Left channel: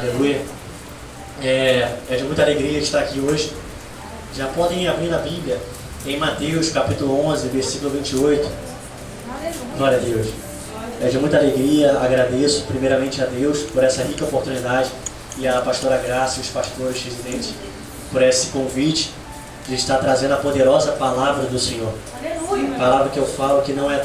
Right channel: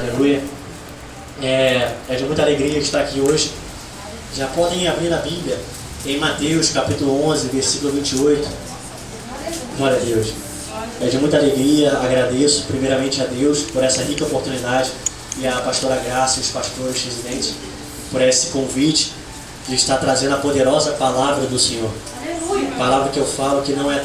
Aleluia. É de muita alegria estar aqui hoje. Já podem abrir na Bíblia, em Mateus capítulo 11, versículo 28. Glória a Deus. É de muita alegria, agradeço primeiramente a Deus por essa rica oportunidade e a pastora Graça e os pastores residentes por esse convite de estar trazendo a poderosa palavra do Senhor. Palavra que eu falo que não é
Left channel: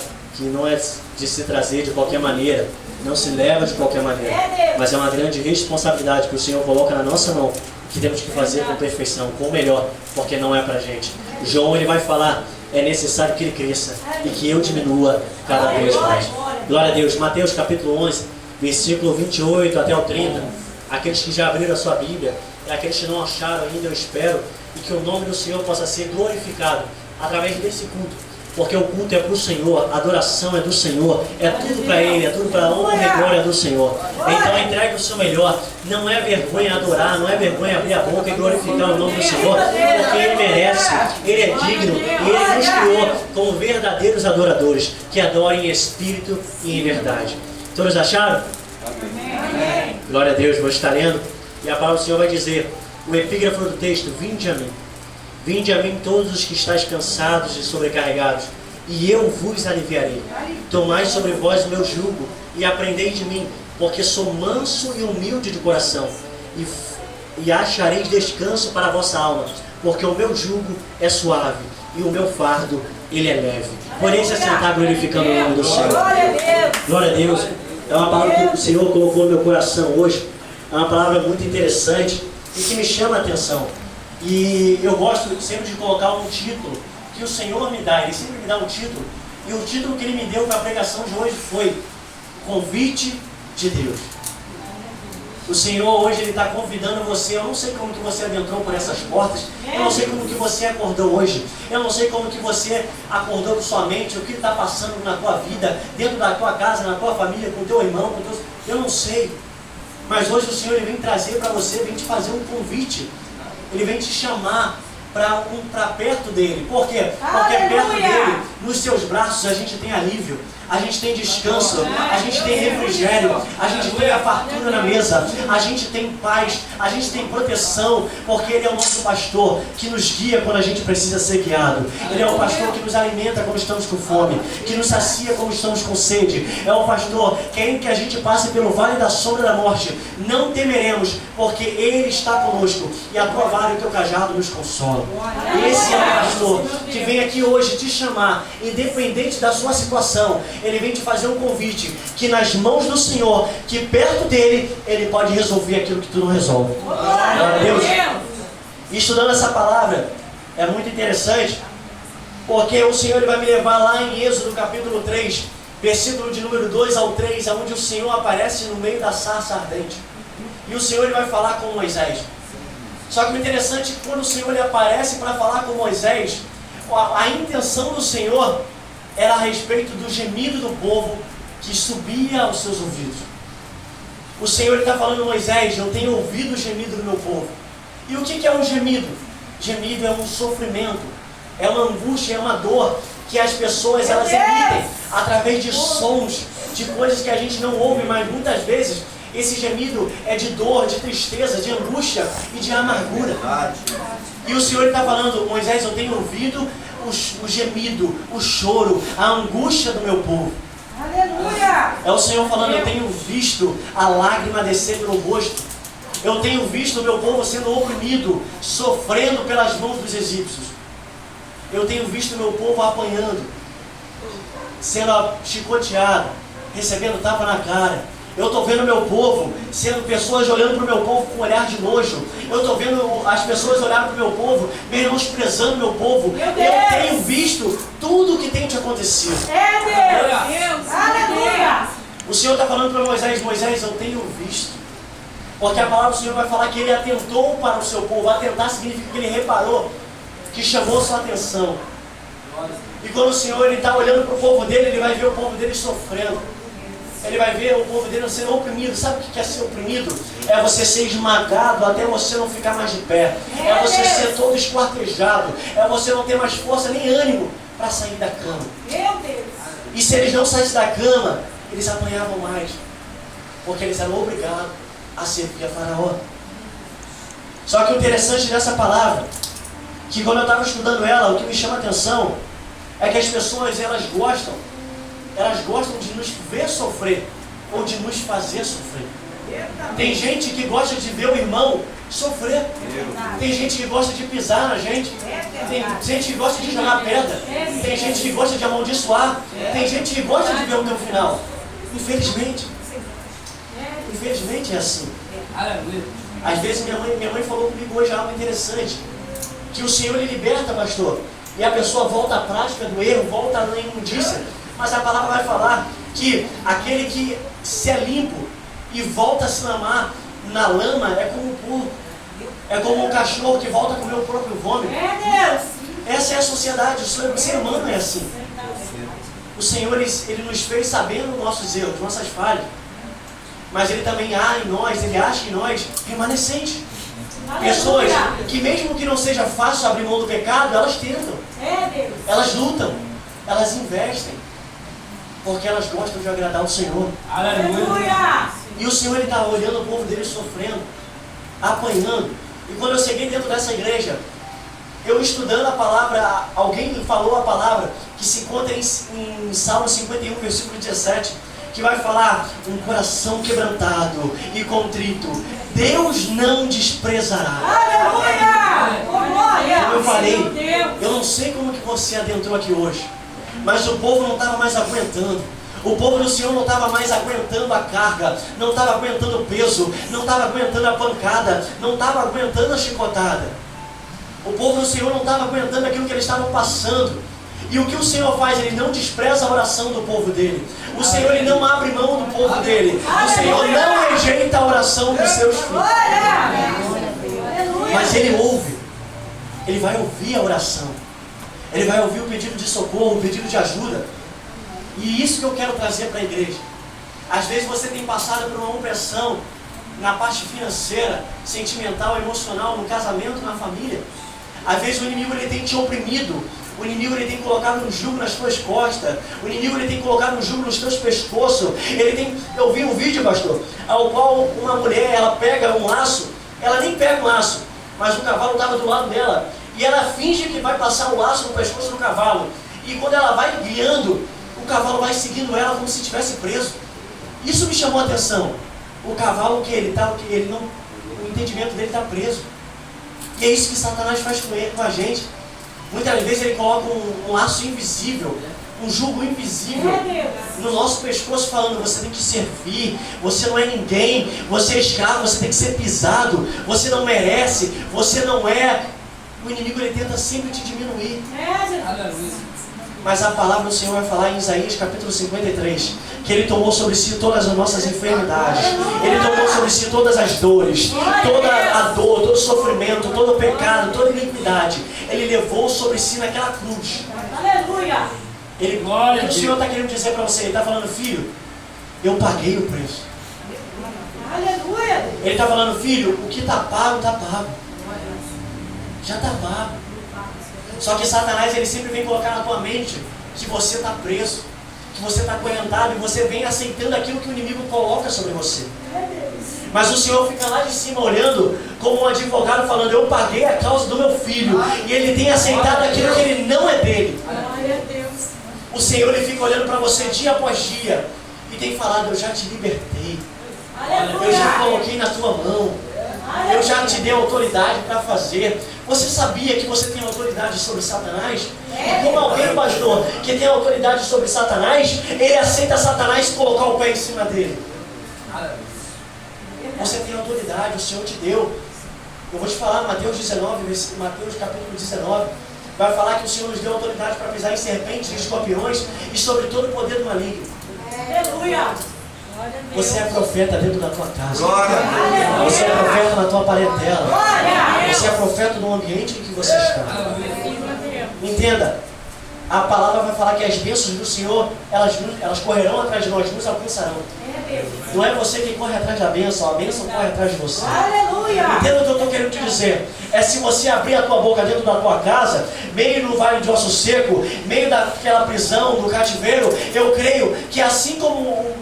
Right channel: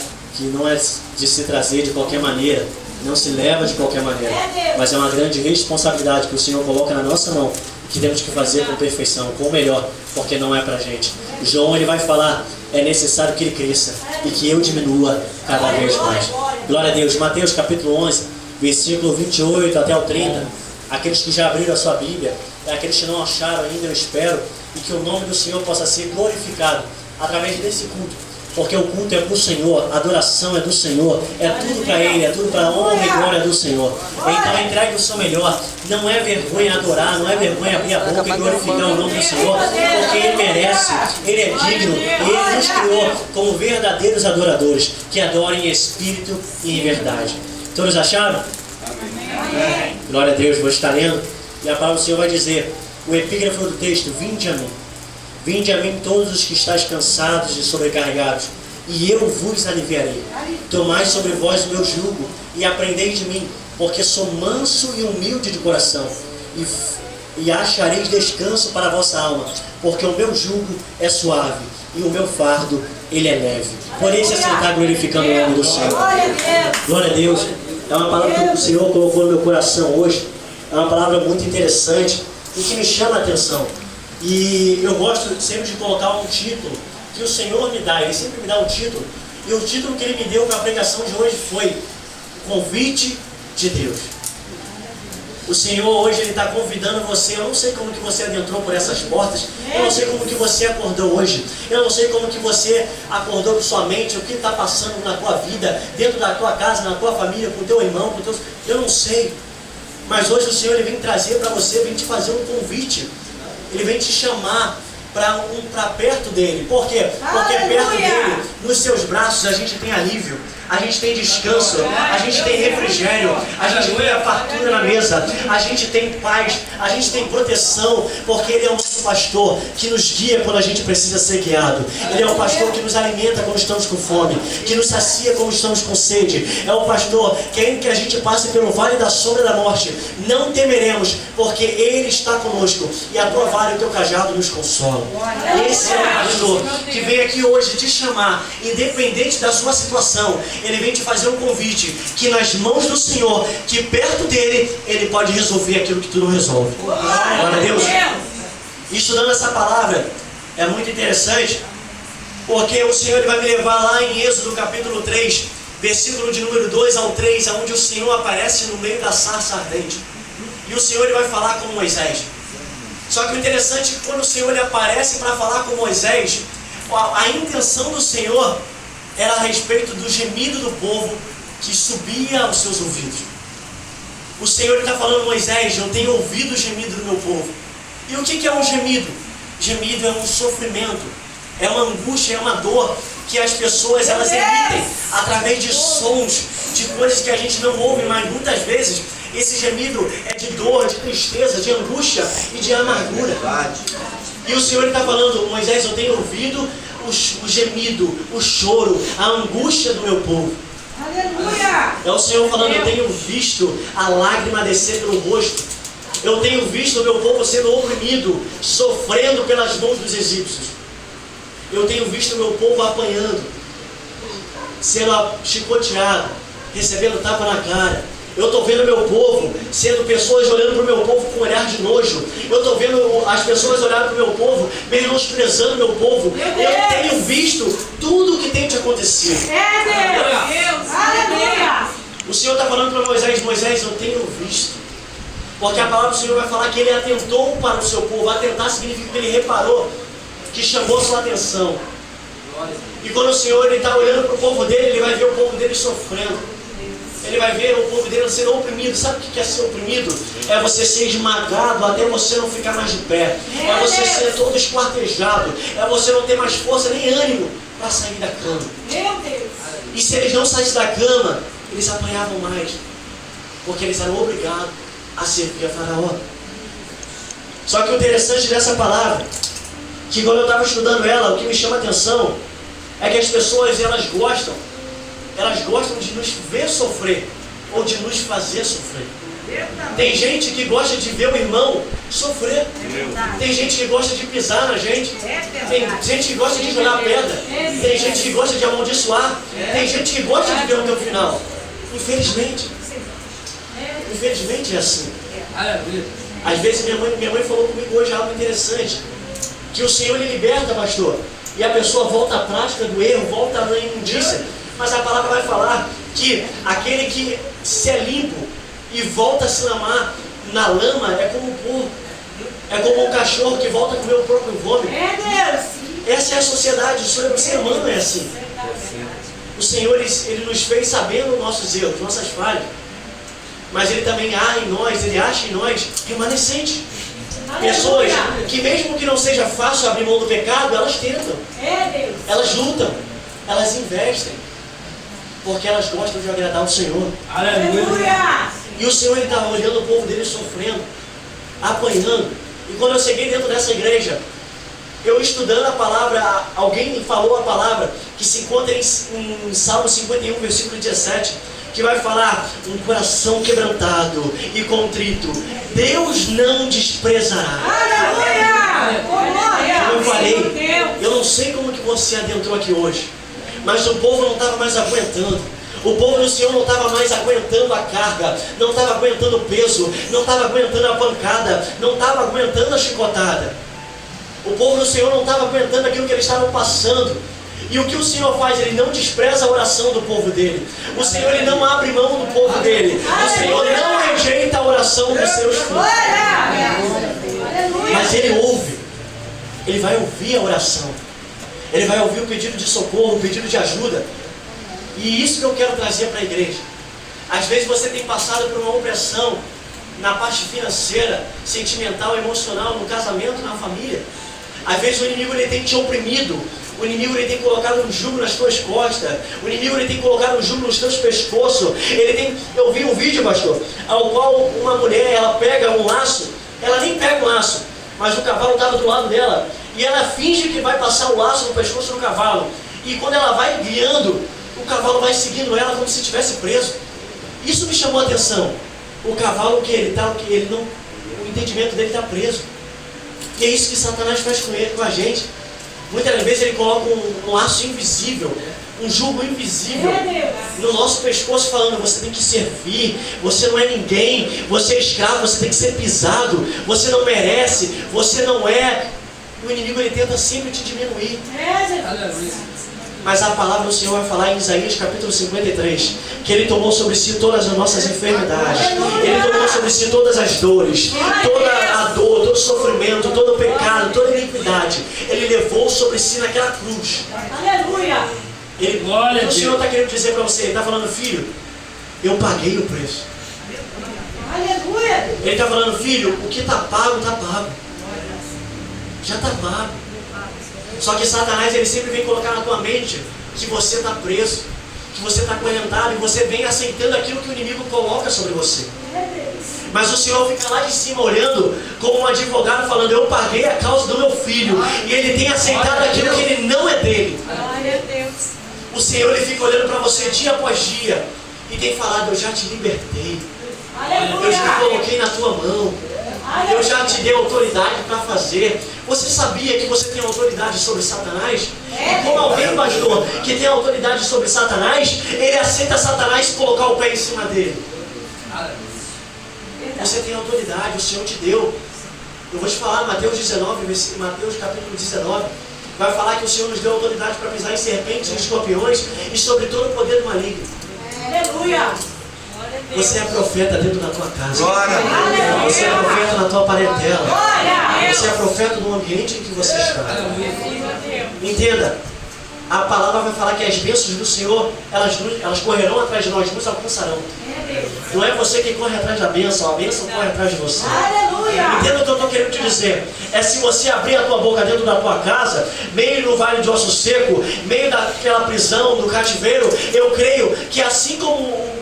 de se trazer de qualquer maneira, não se leva de qualquer maneira, mas é uma grande responsabilidade que o Senhor coloca na nossa mão, que temos que fazer com perfeição, com o melhor, porque não é pra gente. João ele vai falar, é necessário que ele cresça e que eu diminua cada vez mais. Glória a Deus. Mateus capítulo 11, versículo 28 até o 30. Aqueles que já abriram a sua Bíblia, e aqueles que não acharam ainda, eu espero, e que o nome do Senhor possa ser glorificado através desse culto. Porque o culto é para o Senhor, a adoração é do Senhor, é tudo para Ele, é tudo para a honra e glória do Senhor. Então entregue o seu melhor, não é vergonha adorar, não é vergonha abrir a boca e glorificar o nome do Senhor, porque Ele merece, Ele é digno, Ele nos criou como verdadeiros adoradores, que adorem em espírito e em verdade. Todos acharam? Amém. Glória a Deus, vou estar lendo, e a palavra do Senhor vai dizer, o epígrafo do texto, vinde a mim. Vinde a mim todos os que estáis cansados e sobrecarregados, e eu vos aliviarei. Tomai sobre vós o meu jugo, e aprendei de mim, porque sou manso e humilde de coração, e achareis descanso para a vossa alma, porque o meu jugo é suave, e o meu fardo, ele é leve. Por isso é sentar glorificando o nome do Senhor. Glória a Deus. É uma palavra que o Senhor colocou no meu coração hoje. É uma palavra muito interessante, e que me chama a atenção. E eu gosto sempre de colocar um título que o Senhor me dá, Ele sempre me dá um título. E o título que Ele me deu para a pregação de hoje foi Convite de Deus. O Senhor hoje Ele está convidando você. Eu não sei como que você adentrou por essas portas. Eu não sei como que você acordou hoje. Eu não sei como que você acordou com sua mente. O que está passando na tua vida, dentro da tua casa, na tua família, com o teu irmão, com teus... Eu não sei. Mas hoje o Senhor Ele vem trazer para você, vem te fazer um convite. Ele vem te chamar para perto dele. Por quê? Porque perto dele, nos seus braços, a gente tem alívio, a gente tem descanso, a gente tem refrigério, a gente tem a fartura na mesa, a gente tem paz, a gente tem proteção, porque Ele é o nosso pastor que nos guia quando a gente precisa ser guiado. Ele é o pastor que nos alimenta quando estamos com fome, que nos sacia quando estamos com sede. É o pastor que ainda que a gente passe pelo vale da sombra da morte, não temeremos, porque Ele está conosco e a tua vara e o teu cajado nos consolam. Esse é o pastor que vem aqui hoje te chamar, independente da sua situação. Ele vem te fazer um convite, que nas mãos do Senhor, que perto dele, Ele pode resolver aquilo que tu não resolve. Glória a Deus. Estudando essa palavra é muito interessante, porque o Senhor Ele vai me levar lá em Êxodo capítulo 3, versículo de número 2 ao 3, onde o Senhor aparece no meio da sarça ardente. E o Senhor Ele vai falar com Moisés. Só que o interessante é que quando o Senhor Ele aparece para falar com Moisés, a intenção do Senhor era a respeito do gemido do povo que subia aos seus ouvidos. O Senhor está falando, Moisés, eu tenho ouvido o gemido do meu povo. E o que é um gemido? Gemido é um sofrimento, é uma angústia, é uma dor que as pessoas elas emitem através de sons, de coisas que a gente não ouve, mas muitas vezes esse gemido é de dor, de tristeza, de angústia e de amargura. E o Senhor está falando, Moisés, eu tenho ouvido o gemido, o choro, a angústia do meu povo. Aleluia! É o Senhor falando, eu tenho visto a lágrima descer pelo rosto. Eu tenho visto o meu povo sendo oprimido, sofrendo pelas mãos dos egípcios. Eu tenho visto o meu povo apanhando, sendo chicoteado, recebendo tapa na cara. Eu estou vendo meu povo, sendo pessoas olhando para o meu povo com um olhar de nojo. Eu estou vendo as pessoas olhando para o meu povo, menosprezando o meu povo. Eu tenho visto tudo o que tem te acontecido. Deus! Aleluia! O Senhor está falando para Moisés, Moisés, eu tenho visto. Porque a palavra do Senhor vai falar que Ele atentou para o seu povo. Atentar significa que Ele reparou, que chamou sua atenção. E quando o Senhor está olhando para o povo dele, Ele vai ver o povo dele sofrendo. Ele vai ver o povo dele sendo oprimido. Sabe o que é ser oprimido? É você ser esmagado até você não ficar mais de pé. É você ser todo esquartejado. É você não ter mais força nem ânimo para sair da cama. Meu Deus! E se eles não saíssem da cama, eles apanhavam mais. Porque eles eram obrigados a servir a Faraó. Só que o interessante dessa palavra, que quando eu estava estudando ela, o que me chama a atenção é que as pessoas, elas gostam de nos ver sofrer, ou de nos fazer sofrer. Tem gente que gosta de ver o irmão sofrer. Tem gente que gosta de pisar na gente. Tem gente que gosta de jogar pedra. Tem gente que gosta de amaldiçoar. Tem gente que gosta de ver o teu final. Infelizmente é assim. Às vezes minha mãe falou comigo hoje algo interessante, que o Senhor ele liberta, pastor, e a pessoa volta à prática do erro, volta à imundícia. Mas a palavra vai falar que aquele que se é limpo e volta a se lamar na lama é como um porco, é como um cachorro que volta a comer o próprio vômito. Essa é a sociedade, o ser humano é assim. O Senhor ele nos fez sabendo nossos erros, nossas falhas, mas Ele também há em nós, Ele acha em nós remanescentes. Pessoas que mesmo que não seja fácil abrir mão do pecado, elas tentam, elas lutam, elas investem, porque elas gostam de agradar o Senhor. Aleluia! E o Senhor está olhando o povo dele sofrendo, apanhando. E quando eu cheguei dentro dessa igreja, eu estudando a palavra, alguém falou a palavra que se encontra em Salmo 51, versículo 17, que vai falar: um coração quebrantado e contrito Deus não desprezará. Aleluia! Como eu falei, eu não sei como que você adentrou aqui hoje, mas o povo não estava mais aguentando. O povo do Senhor não estava mais aguentando a carga, não estava aguentando o peso, não estava aguentando a pancada, não estava aguentando a chicotada. O povo do Senhor não estava aguentando aquilo que eles estavam passando. E o que o Senhor faz? Ele não despreza a oração do povo dele. O Senhor ele não abre mão do povo dele. O Senhor não rejeita a oração dos seus filhos. Mas Ele ouve. Ele vai ouvir a oração. Ele vai ouvir o pedido de socorro, o pedido de ajuda. E isso que eu quero trazer para a igreja. Às vezes você tem passado por uma opressão na parte financeira, sentimental, emocional, no casamento, na família. Às vezes o inimigo ele tem te oprimido. O inimigo ele tem colocado um jugo nas tuas costas. O inimigo ele tem colocado um jugo nos teus pescoços. Eu vi um vídeo, pastor, ao qual uma mulher, ela pega um laço. Ela nem pega o laço, mas o cavalo estava do lado dela. E ela finge que vai passar o laço no pescoço do cavalo. E quando ela vai guiando, o cavalo vai seguindo ela como se estivesse preso. Isso me chamou a atenção. O cavalo o entendimento dele está preso. E é isso que Satanás faz com a gente. Muitas vezes ele coloca um laço invisível, um jugo invisível no nosso pescoço, falando: você tem que servir, você não é ninguém, você é escravo, você tem que ser pisado, você não merece, você não é. O inimigo ele tenta sempre te diminuir. Mas a palavra do Senhor vai falar em Isaías capítulo 53, que Ele tomou sobre si todas as nossas enfermidades. Ele tomou sobre si todas as dores, toda a dor, todo o sofrimento, todo o pecado, toda a iniquidade. Ele levou sobre si naquela cruz. Aleluia! O Senhor está querendo dizer para você, Ele está falando: filho, eu paguei o preço. Aleluia! Ele está falando: filho, o que está pago, está pago. Já está pago. Só que Satanás ele sempre vem colocar na tua mente que você está preso, que você está acorrentado, e você vem aceitando aquilo que o inimigo coloca sobre você. Mas o Senhor fica lá de cima olhando como um advogado falando: eu paguei a causa do meu filho, e ele tem aceitado aquilo que ele não é dele. O Senhor ele fica olhando para você dia após dia e tem falado: eu já te libertei, eu já coloquei na tua mão, eu já te dei autoridade para fazer. Você sabia que você tem autoridade sobre Satanás? E como alguém, pastor, que tem autoridade sobre Satanás, ele aceita Satanás colocar o pé em cima dele. Você tem autoridade, o Senhor te deu. Eu vou te falar, Mateus capítulo 19, vai falar que o Senhor nos deu autoridade para pisar em serpentes e escorpiões e sobre todo o poder do maligno. Aleluia! Você é profeta dentro da tua casa. Glória. Você é profeta na tua parentela. Glória! Você é profeta no ambiente em que você está. Entenda, a palavra vai falar que as bênçãos do Senhor, elas correrão atrás de nós, nos alcançarão. Não é você quem corre atrás da bênção, a bênção corre atrás de você. Aleluia! Entenda o que eu estou querendo te dizer. É se você abrir a tua boca dentro da tua casa, meio no vale de osso seco, meio daquela prisão, do cativeiro, eu creio que assim como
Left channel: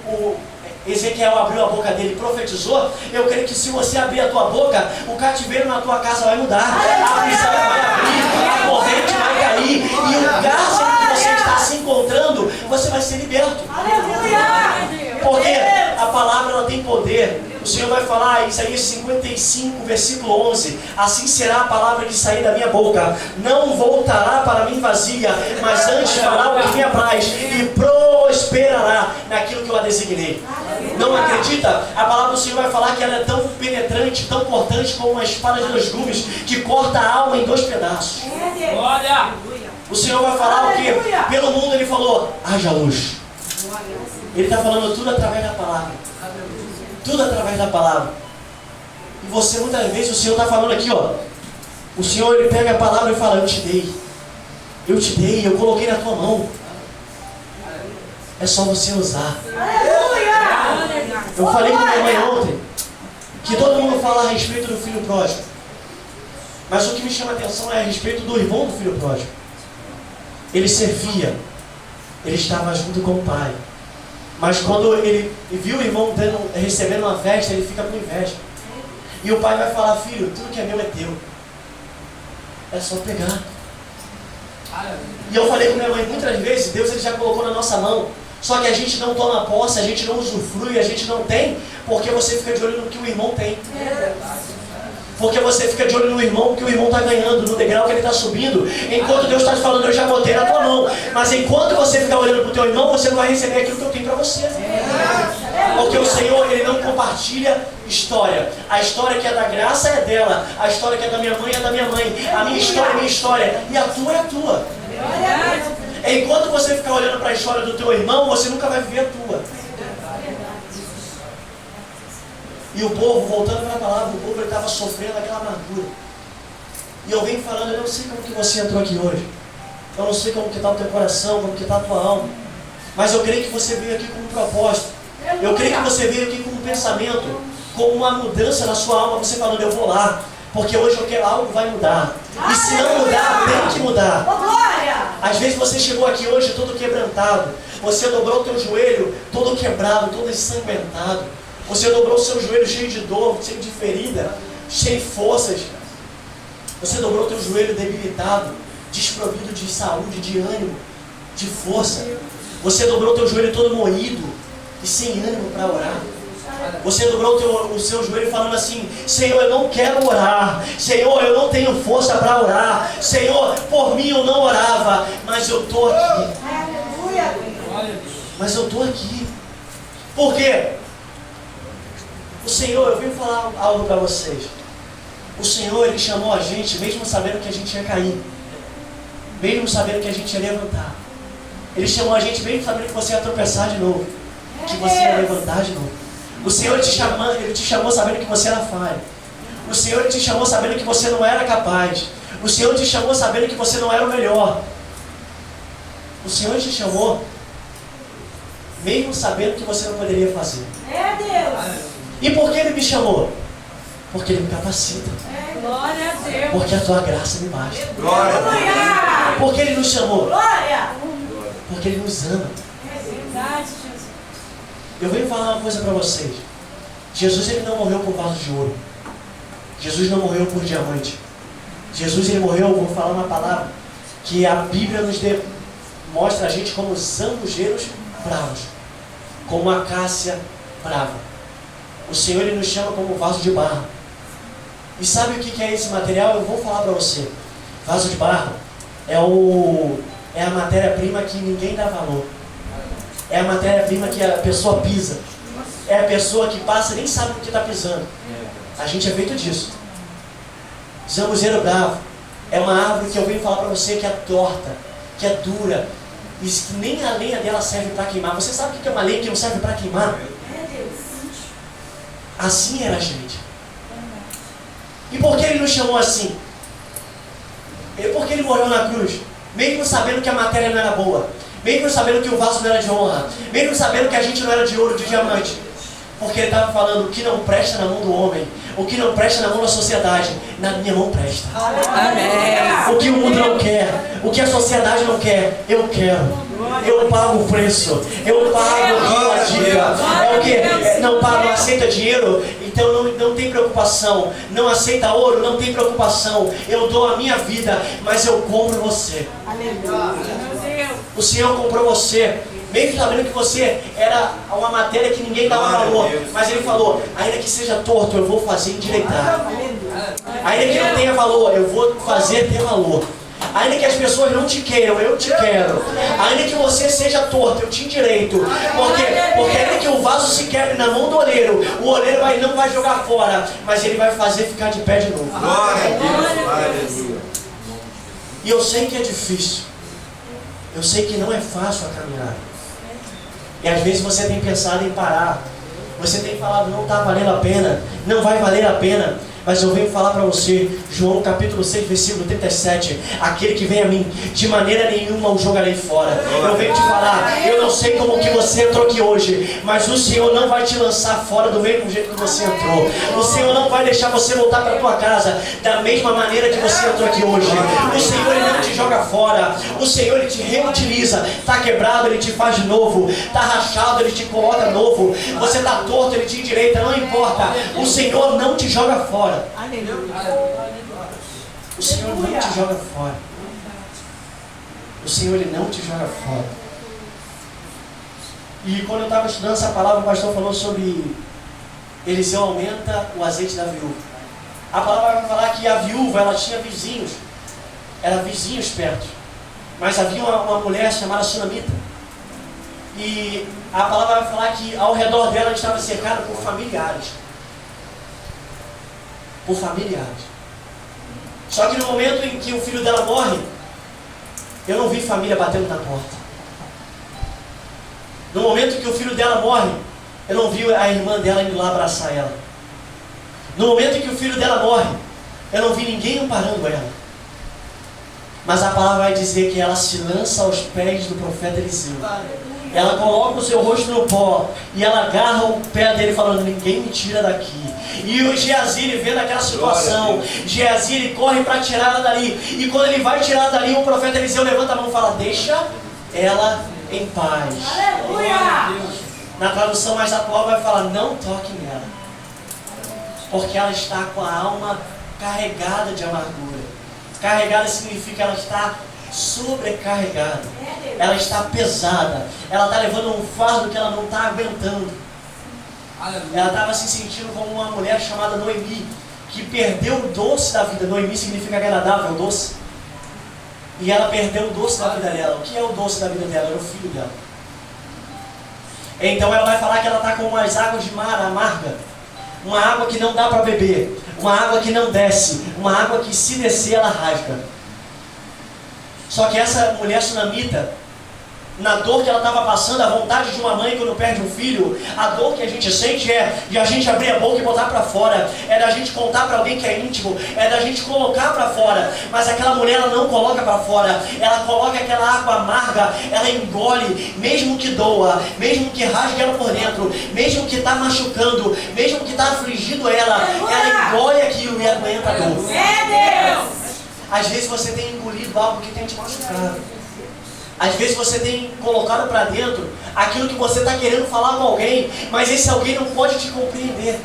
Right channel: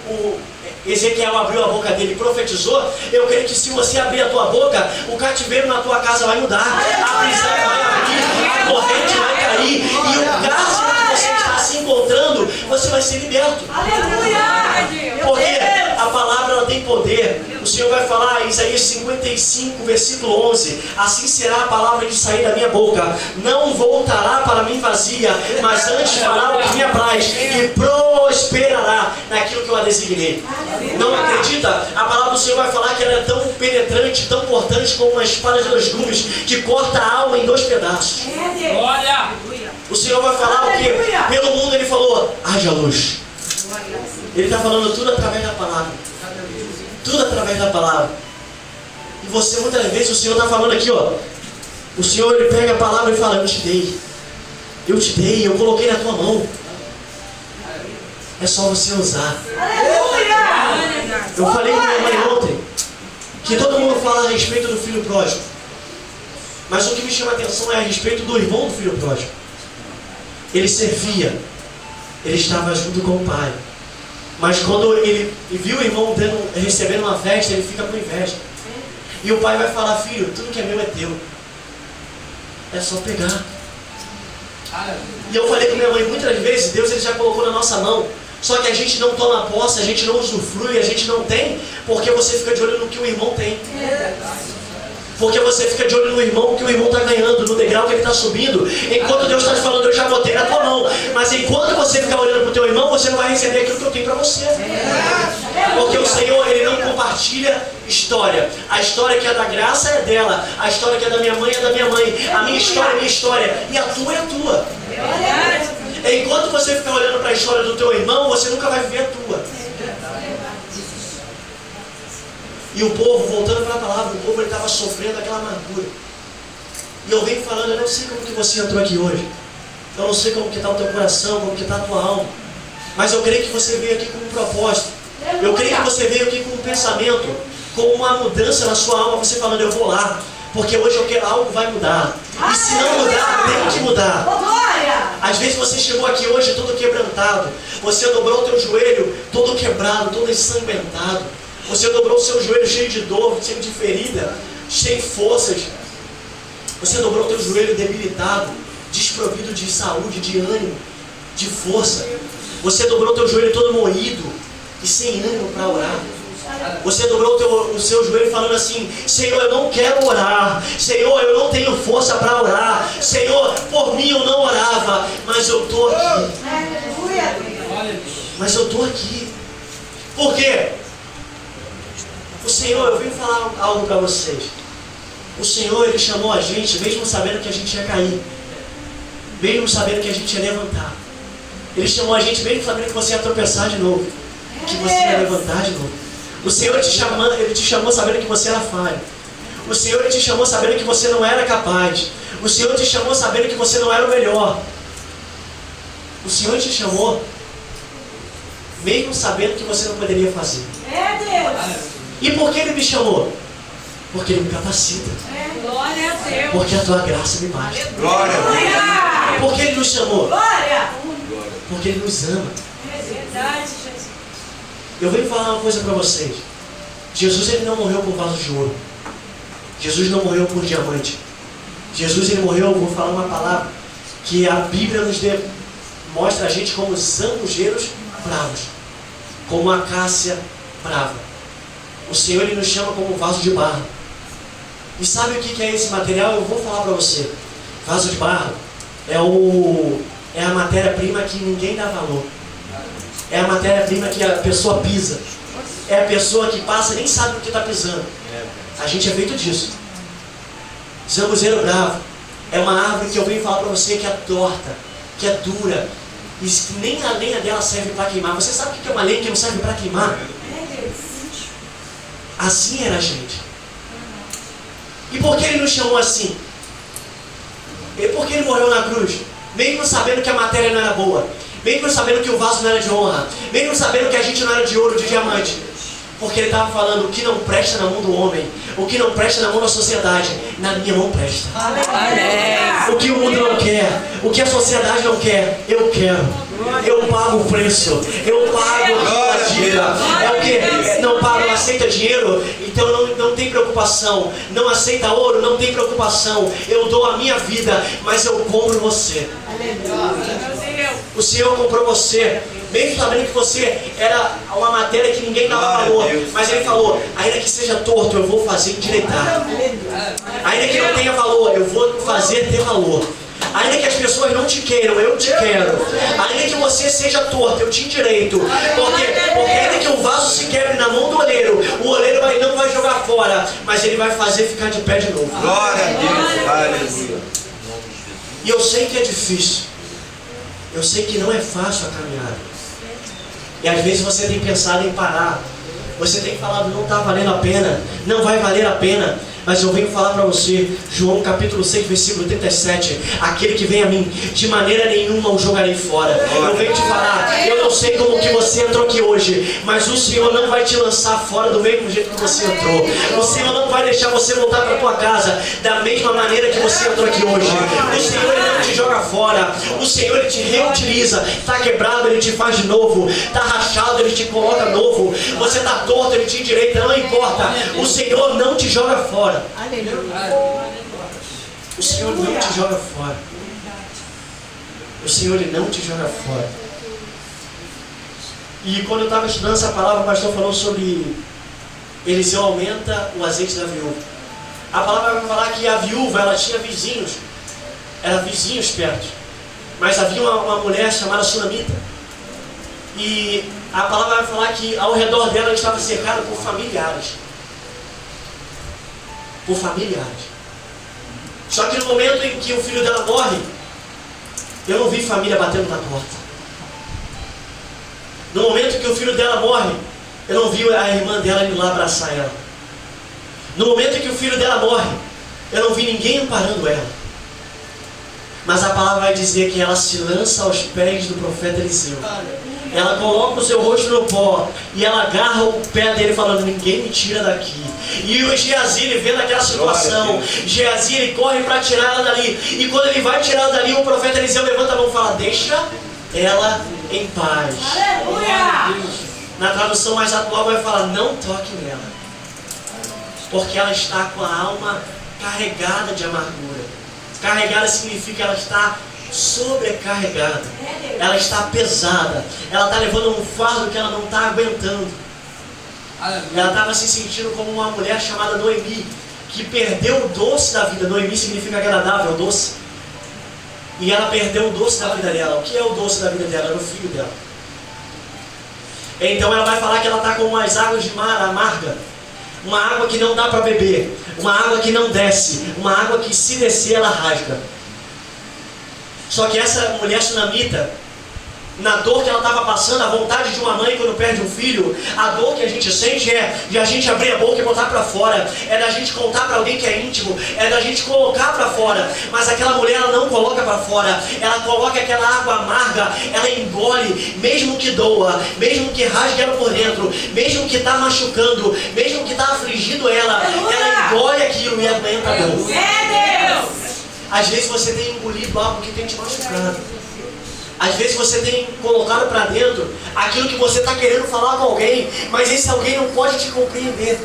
Ezequiel abriu a boca dele e profetizou. Eu creio que se você abrir a tua boca, o cativeiro na tua casa vai mudar, a prisão vai abrir, a corrente vai cair, e o cárcere que você está se encontrando, você vai ser liberto. Porque a palavra ela tem poder. O Senhor vai falar em Isaías 55, versículo 11: assim será a palavra que sair da minha boca, não voltará para mim vazia, mas antes fará o que me apraz e prosperará naquilo que eu a designei. Não acredita? A palavra do Senhor vai falar que ela é tão penetrante, tão cortante como uma espada de 2 gumes, que corta a alma em 2 pedaços. O Senhor vai falar o que? Pelo mundo ele falou, haja luz. Ele está falando tudo através da palavra. Tudo através da palavra. E você, muitas vezes, o Senhor está falando aqui, ó. O Senhor, ele pega a palavra e fala, eu te dei. Eu te dei, eu coloquei na tua mão. É só você usar. Eu falei com minha mãe ontem que todo mundo fala a respeito do filho pródigo. Mas o que me chama a atenção é a respeito do irmão do filho pródigo. Ele servia. Ele estava junto com o pai. Mas quando ele viu o irmão recebendo uma festa, ele fica com inveja. E o pai vai falar, filho, tudo que é meu é teu. É só pegar. E eu falei com minha mãe, muitas vezes, Deus ele já colocou na nossa mão. Só que a gente não toma posse, a gente não usufrui, a gente não tem, porque você fica de olho no que o irmão tem. Porque você fica de olho no irmão, que o irmão está ganhando, no degrau que ele está subindo. Enquanto Deus está te falando, eu já botei na tua mão. Mas enquanto você ficar olhando para o teu irmão, você não vai receber aquilo que eu tenho para você. Porque o Senhor, ele não compartilha história. A história que é da graça é dela. A história que é da minha mãe é da minha mãe. A minha história é minha história. E a tua é a tua. Enquanto você ficar olhando para a história do teu irmão, você nunca vai ver a tua. E o povo, voltando para a palavra, o povo estava sofrendo aquela amargura. E eu venho falando, eu não sei como que você entrou aqui hoje. Eu não sei como que está o teu coração, como que está a tua alma. Mas eu creio que você veio aqui com um propósito. Eu creio que você veio aqui com um pensamento, com uma mudança na sua alma. Você falando, eu vou lá, porque hoje eu quero, algo vai mudar. E se não mudar, tem que mudar. Às vezes você chegou aqui hoje todo quebrantado. Você dobrou o teu joelho todo quebrado, todo ensanguentado. Você dobrou o seu joelho cheio de dor, cheio de ferida, cheio de forças. Você dobrou o teu joelho debilitado, desprovido de saúde, de ânimo, de força. Você dobrou o teu joelho todo moído e sem ânimo para orar. Você dobrou o seu joelho falando assim, Senhor, eu não quero orar. Senhor, eu não tenho força para orar. Senhor, por mim eu não orava, mas eu estou aqui. Mas eu estou aqui. Por quê? O Senhor, eu venho falar algo para vocês. O Senhor, ele chamou a gente, mesmo sabendo que a gente ia cair. Mesmo sabendo que a gente ia levantar. Ele chamou a gente, mesmo sabendo que você ia tropeçar de novo. Que você ia levantar de novo. O Senhor, ele te chamou sabendo que você era falho. O Senhor, ele te chamou sabendo que você não era capaz. O Senhor te chamou sabendo que você não era o melhor. O Senhor te chamou mesmo sabendo que você não poderia fazer. E por que Ele me chamou? Porque Ele me capacita. Glória a Deus. Porque a tua graça me basta. Glória a Deus. Por que Ele nos chamou? Glória. Porque Ele nos ama. É verdade, Jesus. Eu venho falar uma coisa para vocês. Jesus, ele não morreu por vaso de ouro. Jesus não morreu por diamante. Jesus, ele morreu, eu vou falar uma palavra que a Bíblia nos mostra a gente como zambujeiros bravos, como a acácia brava. O Senhor, ele nos chama como vaso de barro. E sabe o que é esse material? Eu vou falar para você. Vaso de barro é a matéria-prima que ninguém dá valor. É a matéria-prima que a pessoa pisa. É a pessoa que passa e nem sabe o que está pisando. A gente é feito disso. Zambuzeiro bravo é uma árvore que eu venho falar para você que é torta, que é dura, e que nem a lenha dela serve para queimar. Você sabe o que é uma lenha que não serve para queimar? Assim era a gente. E por que ele nos chamou assim? E por que ele morreu na cruz? Mesmo sabendo que a matéria não era boa, mesmo sabendo que o vaso não era de honra, mesmo sabendo que a gente não era de ouro, de diamante, porque ele estava falando, o que não presta na mão do homem, o que não presta na mão da sociedade, na minha mão presta. O que o mundo não quer, o que a sociedade não quer, eu quero. Eu pago o preço, eu pago a dica. É o que? não aceita dinheiro, então não tem preocupação. Não aceita ouro, não tem preocupação. Eu dou a minha vida, mas eu compro você. O Senhor comprou você, mesmo sabendo que você era uma matéria que ninguém dava valor. Mas Ele falou, ainda que seja torto, eu vou fazer endireitar. Ainda que não tenha valor, eu vou fazer ter valor. Ainda que as pessoas não te queiram, eu te quero. Ainda que você seja torto, eu te endireito. Porque ainda que o vaso se quebre na mão do oleiro, o oleiro não vai jogar fora, mas ele vai fazer ficar de pé de novo. Glória a Deus, aleluia. E eu sei que é difícil. Eu sei que não é fácil a caminhada. E às vezes você tem pensado em parar. Você tem falado, não está valendo a pena, não vai valer a pena. Mas eu venho falar para você, João capítulo 6, versículo 37, aquele que vem a mim, de maneira nenhuma o jogarei fora. Eu venho te falar, eu não sei como que você entrou aqui hoje, mas o Senhor não vai te lançar fora do mesmo jeito que você entrou. O Senhor não vai deixar você voltar para a tua casa da mesma maneira que você entrou aqui hoje. O Senhor Ele não te joga fora, o Senhor Ele te reutiliza. Está quebrado, Ele te faz de novo. Está rachado, Ele te coloca novo. Você está torto, Ele te endireita, não importa. O Senhor não te joga fora. O Senhor não te joga fora. O Senhor Ele não te joga fora. E quando eu estava estudando essa palavra, o pastor falou sobre Eliseu aumenta o azeite da viúva. A palavra vai falar que a viúva, ela tinha vizinhos. Eram vizinhos perto. Mas havia uma mulher chamada Sunamita. E a palavra vai falar que ao redor dela estava cercada por familiares. Por familiares. Só que no momento em que o filho dela morre, eu não vi família batendo na porta. No momento em que o filho dela morre, eu não vi a irmã dela ir lá abraçar ela. No momento em que o filho dela morre, eu não vi ninguém amparando ela. Mas a palavra vai dizer que ela se lança aos pés do profeta Eliseu. Ela coloca o seu rosto no pó e ela agarra o pé dele falando, ninguém me tira daqui. E o Geazi, ele vendo aquela situação, Geazi, ele corre para tirar ela dali. E quando ele vai tirar ela dali, o profeta Eliseu levanta a mão e fala, deixa ela em paz. Aleluia! Na tradução mais atual vai falar, não toque nela. Porque ela está com a alma carregada de amargura. Carregada significa que ela está sobrecarregada. Ela está pesada. Ela está levando um fardo que ela não está aguentando. Ela estava se sentindo como uma mulher chamada Noemi, que perdeu o doce da vida. Noemi significa agradável, doce. E ela perdeu o doce da vida dela. O que é o doce da vida dela? Era o filho dela. Então ela vai falar que ela está com umas águas de mar amarga. Uma água que não dá para beber. Uma água que não desce. Uma água que se descer ela rasga. Só que essa mulher sunamita, na dor que ela estava passando, a vontade de uma mãe quando perde um filho, a dor que a gente sente é de a gente abrir a boca e botar para fora, é da gente contar para alguém que é íntimo, é da gente colocar para fora. Mas aquela mulher, ela não coloca para fora, ela coloca aquela água amarga, ela engole, mesmo que doa, mesmo que rasgue ela por dentro, mesmo que está machucando, mesmo que está afligindo ela engole aquilo e aguenta a dor. É Deus! Às vezes você tem engolido algo que tem te machucado. Às vezes você tem colocado para dentro aquilo que você está querendo falar com alguém, mas esse alguém não pode te compreender.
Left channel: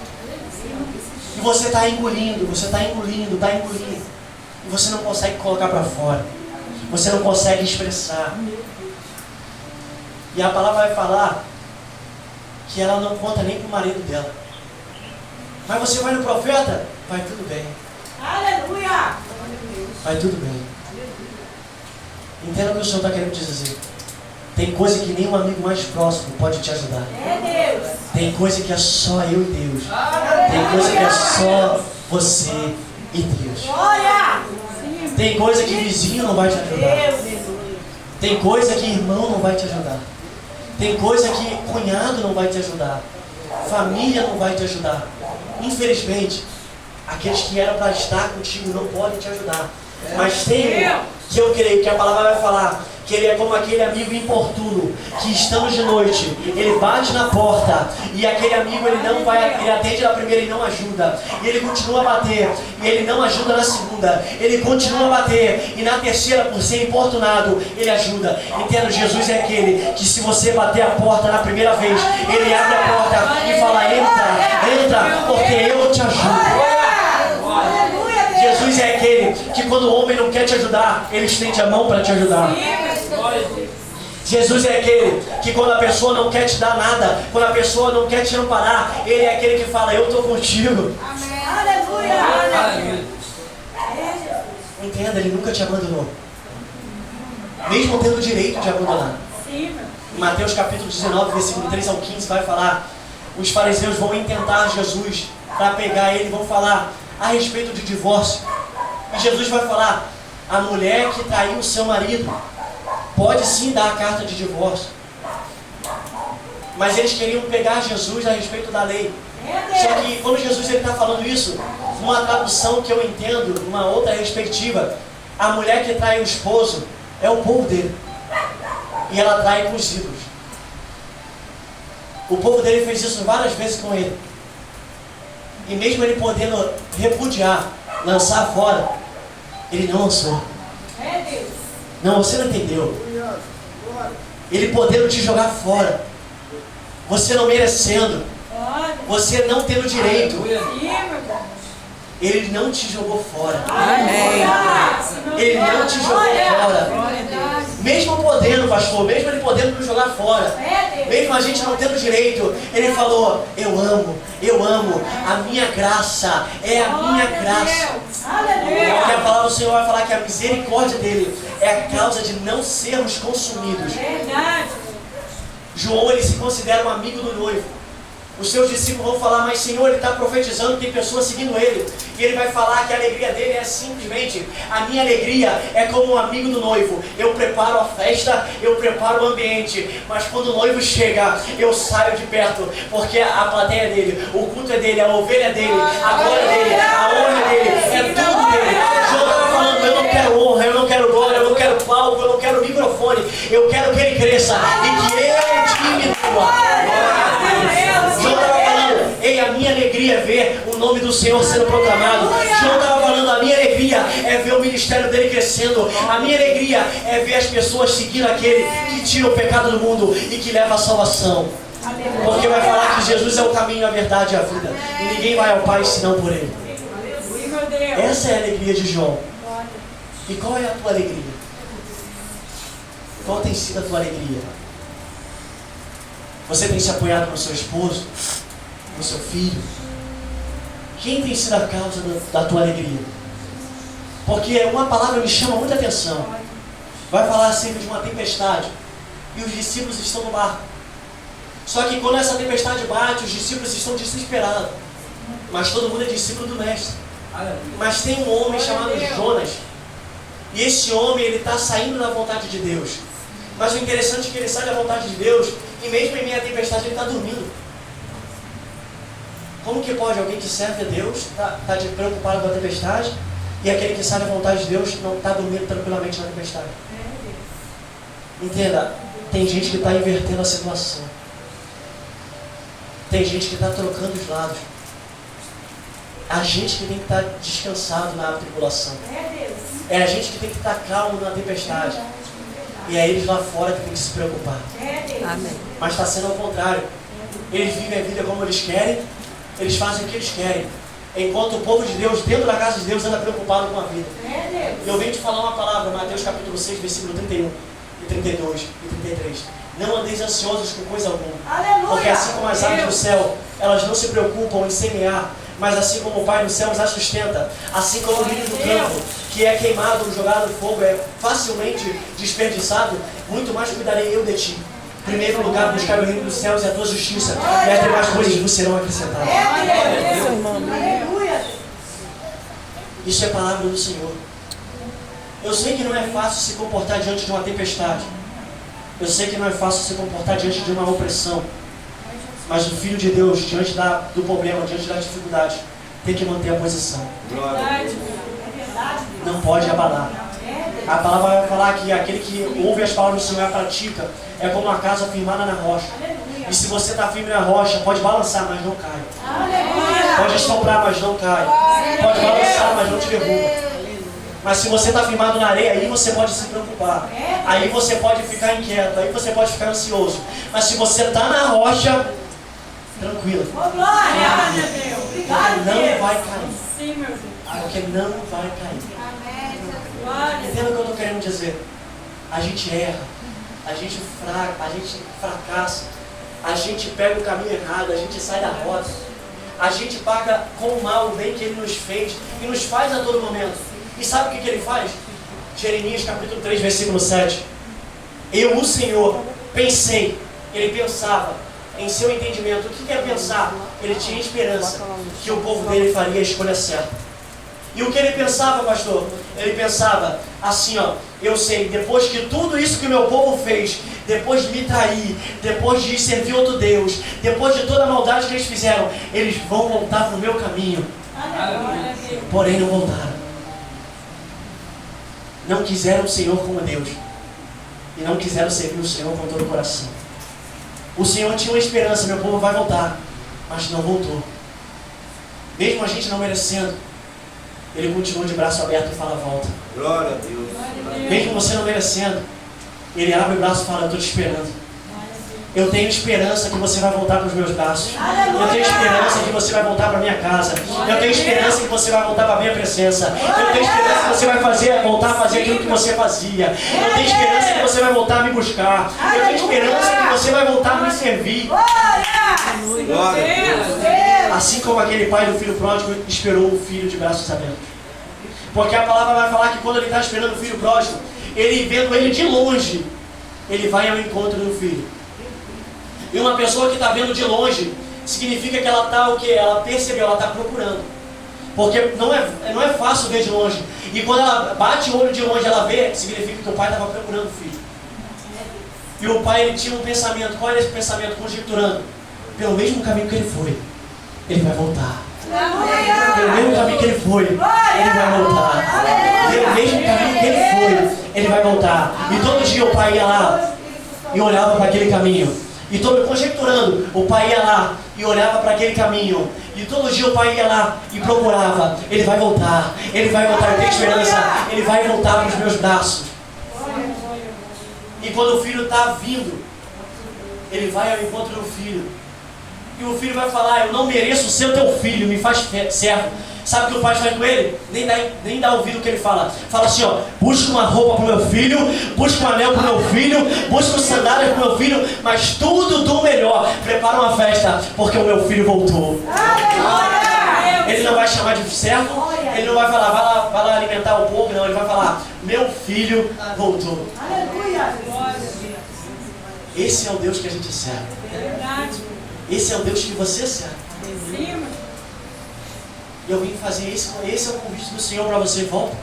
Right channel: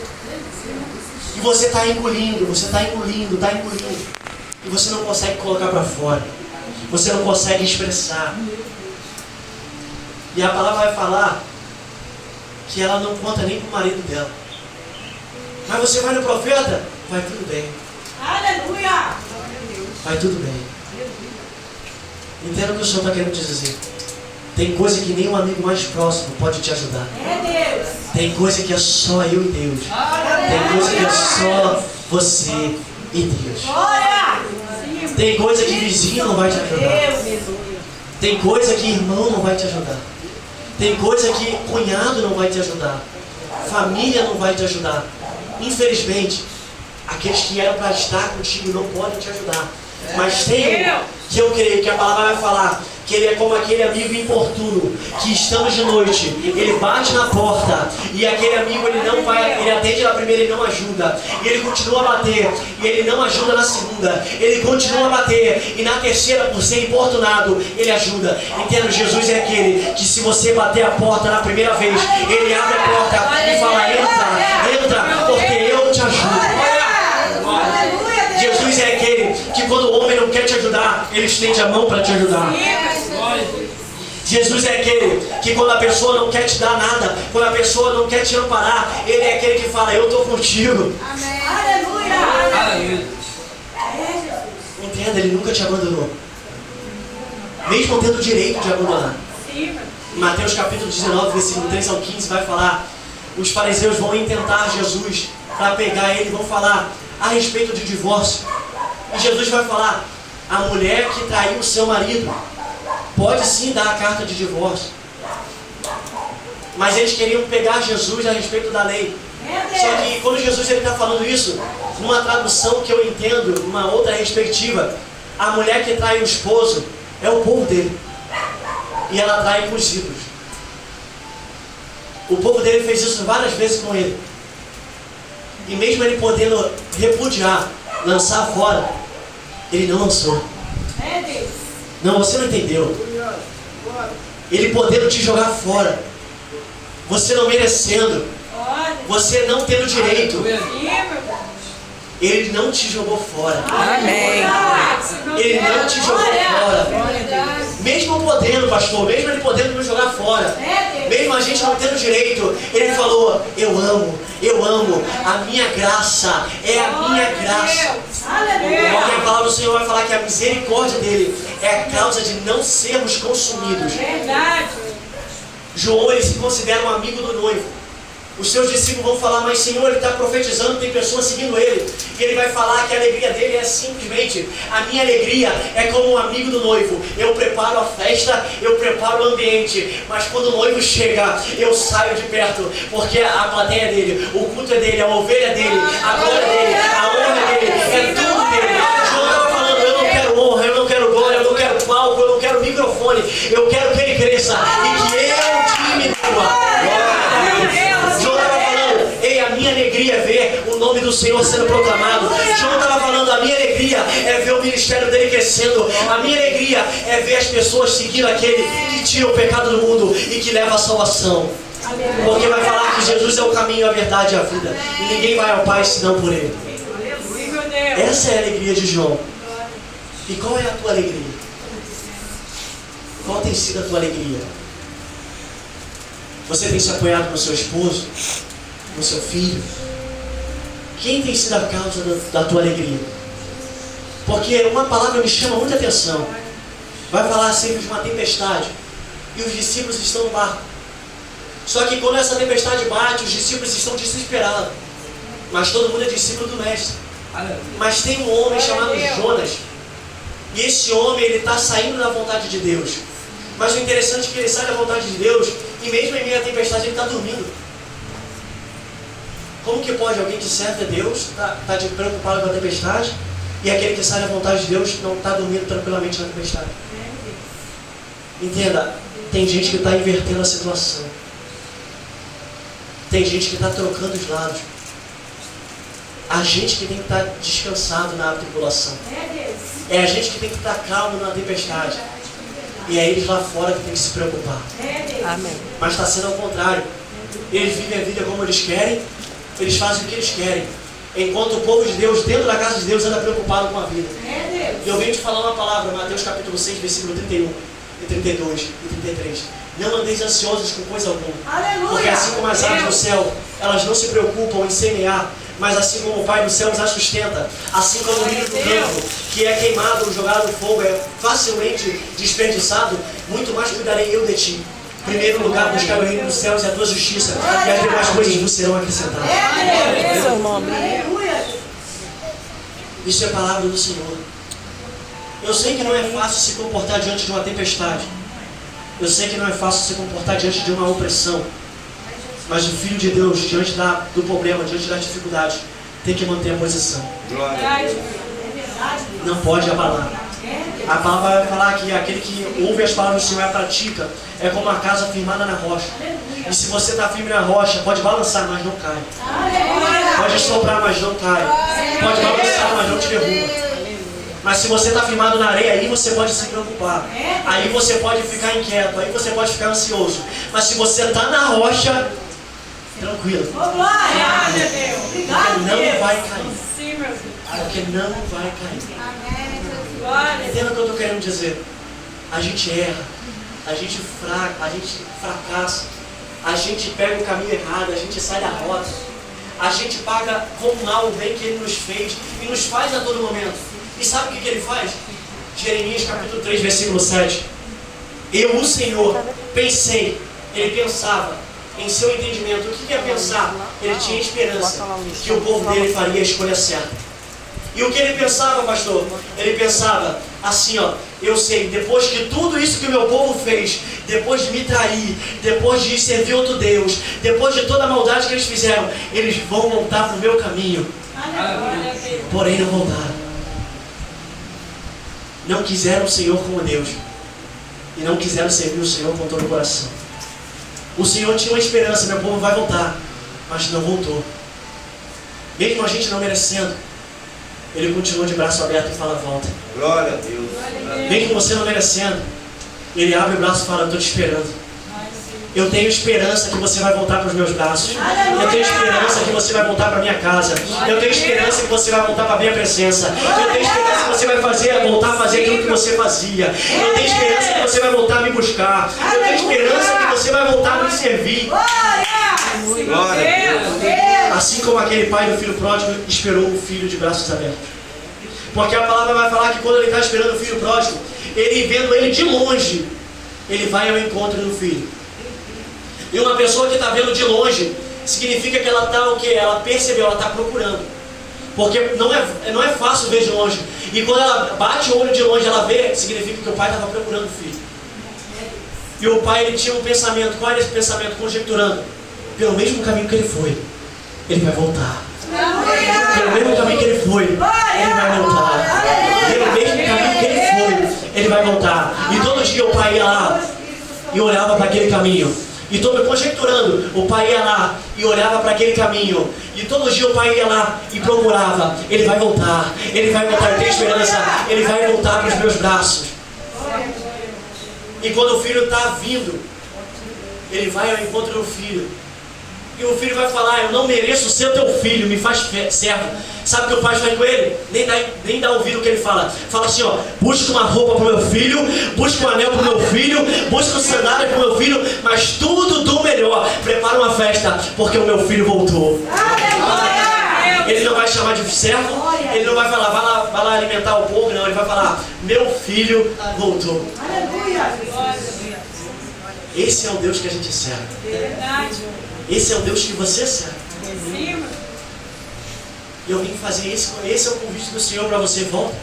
E você está engolindo, você está engolindo, está engolindo. E você não consegue colocar para fora. Você não consegue expressar. E a palavra vai falar que ela não conta nem para o marido dela. Mas você vai no profeta, vai tudo bem. Aleluia! Vai tudo bem. Entenda o que o Senhor está querendo te dizer. Tem coisa que nem um amigo mais próximo pode te ajudar. É Deus! Tem coisa que é só eu e Deus. Tem coisa que é só você e Deus. Glória! Tem coisa que vizinho não vai te ajudar. Tem coisa que irmão não vai te ajudar. Tem coisa que cunhado não vai te ajudar. Família não vai te ajudar. Infelizmente, aqueles que eram para estar contigo não podem te ajudar. Mas tem que eu creio que a palavra vai falar que ele é como aquele amigo importuno, que estamos de noite, ele bate na porta, e aquele amigo ele não vai, ele atende na primeira e não ajuda, e ele continua a bater, e ele não ajuda na segunda, ele continua a bater, e na terceira, por ser importunado, ele ajuda. Entenda, Jesus é aquele que se você bater a porta na primeira vez, ele abre a porta e fala, entra, porque eu te ajudo. Jesus é aquele que quando o homem não quer te ajudar, ele estende a mão para te ajudar. Jesus é aquele que quando a pessoa não quer te dar nada, quando a pessoa não quer te amparar, ele é aquele que fala, eu estou contigo. Aleluia. Entenda, ele nunca te abandonou. Mesmo tendo o direito de abandonar. Mateus capítulo 19, versículo 3 ao 15 vai falar, os fariseus vão intentar Jesus para pegar ele e vão falar a respeito de divórcio. E Jesus vai falar, a mulher que traiu o seu marido pode sim dar a carta de divórcio. Mas eles queriam pegar Jesus a respeito da lei. Só que quando Jesus está falando isso, numa tradução que eu entendo, numa outra perspectiva, a mulher que trai o esposo é o povo dele. E ela trai com os ídolos. O povo dele fez isso várias vezes com ele. E mesmo ele podendo repudiar, lançar fora, ele não lançou. Não, você não entendeu. Ele podendo te jogar fora, você não merecendo, você não tendo direito, ele não te jogou fora. Amém. Ele não te jogou fora. Mesmo podendo, pastor, mesmo ele podendo nos jogar fora, mesmo a gente não tendo direito, ele falou, eu amo, a minha graça é a minha graça. Porque a palavra do Senhor vai falar que a misericórdia dele é a causa de não sermos consumidos. João, ele se considera um amigo do noivo. Os seus discípulos vão falar, mas Senhor, ele está profetizando, tem pessoas seguindo ele. E ele vai falar que a alegria dele é simplesmente, a minha alegria é como um amigo do noivo. Eu preparo a festa, eu preparo o ambiente. Mas quando o noivo chega, eu saio de perto. Porque a plateia é dele, o culto é dele, a ovelha é dele, a glória é dele, a honra é dele, é tudo dele. João estava falando, eu não quero honra, eu não quero glória, eu não quero palco, eu não quero microfone. Eu quero que ele cresça e que eu diminua. A minha alegria é ver o nome do Senhor sendo proclamado. João estava falando, a minha alegria é ver o ministério dele crescendo. A minha alegria é ver as pessoas seguindo aquele que tira o pecado do mundo e que leva a salvação. Porque vai falar que Jesus é o caminho, a verdade e a vida. E ninguém vai ao Pai senão por ele. Essa é a alegria de João. E qual é a tua alegria? Qual tem sido a tua alegria? Você tem se apoiado no seu esposo? No seu filho? Quem tem sido a causa da tua alegria? Porque uma palavra me chama muita atenção. Vai falar acerca de uma tempestade e os discípulos estão no barco. Só que quando essa tempestade bate, os discípulos estão desesperados. Mas todo mundo é discípulo do mestre. Mas tem um homem chamado Jonas. E esse homem, ele está saindo da vontade de Deus. Mas o interessante é que ele sai da vontade de Deus e mesmo em meio à tempestade ele está dormindo. Como que pode alguém que serve a Deus está preocupado com a tempestade e aquele que sai da vontade de Deus não está dormindo tranquilamente na tempestade? Entenda, tem gente que está invertendo a situação. Tem gente que está trocando os lados. A gente que tem que estar descansado na tribulação. É a gente que tem que estar calmo na tempestade. E é eles lá fora que tem que se preocupar. Amém. Mas está sendo ao contrário. Eles vivem a vida como eles querem. Eles fazem o que eles querem. Enquanto o povo de Deus, dentro da casa de Deus, anda preocupado com a vida. E eu venho te falar uma palavra, Mateus capítulo 6, versículo 31, e 32 e 33. Não andeis ansiosos com coisa alguma. Porque assim como as aves do céu, elas não se preocupam em semear, mas assim como o Pai do céu as sustenta, assim como o lírio do campo, que é queimado, jogado no fogo, é facilmente desperdiçado, muito mais cuidarei eu de ti. Em primeiro lugar, buscar o reino dos céus e a tua justiça, e as demais coisas nos serão acrescentadas. Isso é palavra do Senhor. Eu sei que não é fácil se comportar diante de uma tempestade. Eu sei que não é fácil se comportar diante de uma opressão. Mas o Filho de Deus, diante do problema, diante da dificuldade, tem que manter a posição. Não pode abalar. A palavra vai falar que aquele que ouve as palavras do Senhor e a pratica é como uma casa firmada na rocha. E se você está firme na rocha, pode balançar, mas não cai. Pode soprar, mas não cai. Pode balançar, mas não te derruba. Mas se você está firmado na areia, aí você pode se preocupar. Aí você pode ficar inquieto, aí você pode ficar ansioso. Mas se você está na rocha, tranquilo. Glória a Deus. Obrigado, Não Deus. vai cair. Sim, meu Deus. Porque não vai cair. Glória. Entenda o que eu estou querendo dizer. A gente erra, a gente fracassa, a gente pega o caminho errado, a gente sai da rota, a gente paga com mal o bem que Ele nos fez e nos faz a todo momento. E sabe o que Ele faz? Jeremias capítulo 3, versículo 7. Eu, o Senhor, pensei, Ele pensava em seu entendimento. O que é pensar? Ele tinha esperança que o povo dele faria a escolha certa. E o que ele pensava, pastor? Ele pensava assim, ó, eu sei, depois que tudo isso que o meu povo fez, depois de me trair, depois de servir outro Deus, depois de toda a maldade que eles fizeram, eles vão voltar para o meu caminho. Porém não voltaram. Não quiseram o Senhor como Deus. E não quiseram servir o Senhor com todo o coração. O Senhor tinha uma esperança, meu povo vai voltar. Mas não voltou. Mesmo a gente não merecendo, Ele continuou de braço aberto e fala, volta. Glória a Deus. Mesmo você não merecendo, Ele abre o braço e fala, eu estou te esperando. Eu tenho esperança que você vai voltar para os meus braços. Eu tenho esperança que você vai voltar para a minha casa. Eu tenho esperança que você vai voltar para a minha presença. Eu tenho esperança que você vai voltar a fazer aquilo que você fazia. Eu tenho esperança que você vai voltar a me buscar. Eu tenho esperança que você vai voltar a me servir. Glória a Deus. Assim como aquele pai do filho pródigo esperou o filho de braços abertos. Porque a palavra vai falar que quando ele está esperando o filho pródigo, ele vendo ele de longe, ele vai ao encontro do filho. E uma pessoa que está vendo de longe, significa que ela está o quê? Ela percebeu, ela está procurando. Porque não é fácil ver de longe. E quando ela bate o olho de longe, ela vê, significa que o pai estava procurando o filho. E o pai, ele tinha um pensamento. Qual era esse pensamento? Conjecturando. Pelo mesmo caminho que ele foi, ele vai voltar. Pelo mesmo caminho que ele foi, ele vai voltar. Pelo mesmo caminho que ele foi, ele vai voltar. E todo dia o pai ia lá e olhava para aquele caminho. E todo conjecturando, o pai ia lá e olhava para aquele caminho. E todo dia o pai ia lá e procurava. Ele vai voltar, ele vai voltar, eu tenho esperança. Ele vai voltar para os meus braços. E quando o filho está vindo, ele vai ao encontro do filho. E o filho vai falar, eu não mereço ser teu filho, me faz servo. Sabe o que o pai faz com ele? Nem dá ouvido o que ele fala. Fala assim, ó, busca uma roupa para o meu filho, busca um anel para o meu filho, busca sandálias para o meu filho, mas tudo do melhor. Prepara uma festa, porque o meu filho voltou. Ele não vai chamar de servo, ele não vai falar, vai lá alimentar o povo, não. Ele vai falar, meu filho voltou. Esse é o Deus que a gente serve. Esse é o Deus que você serve. E eu vim fazer esse é o convite do Senhor para você, volta.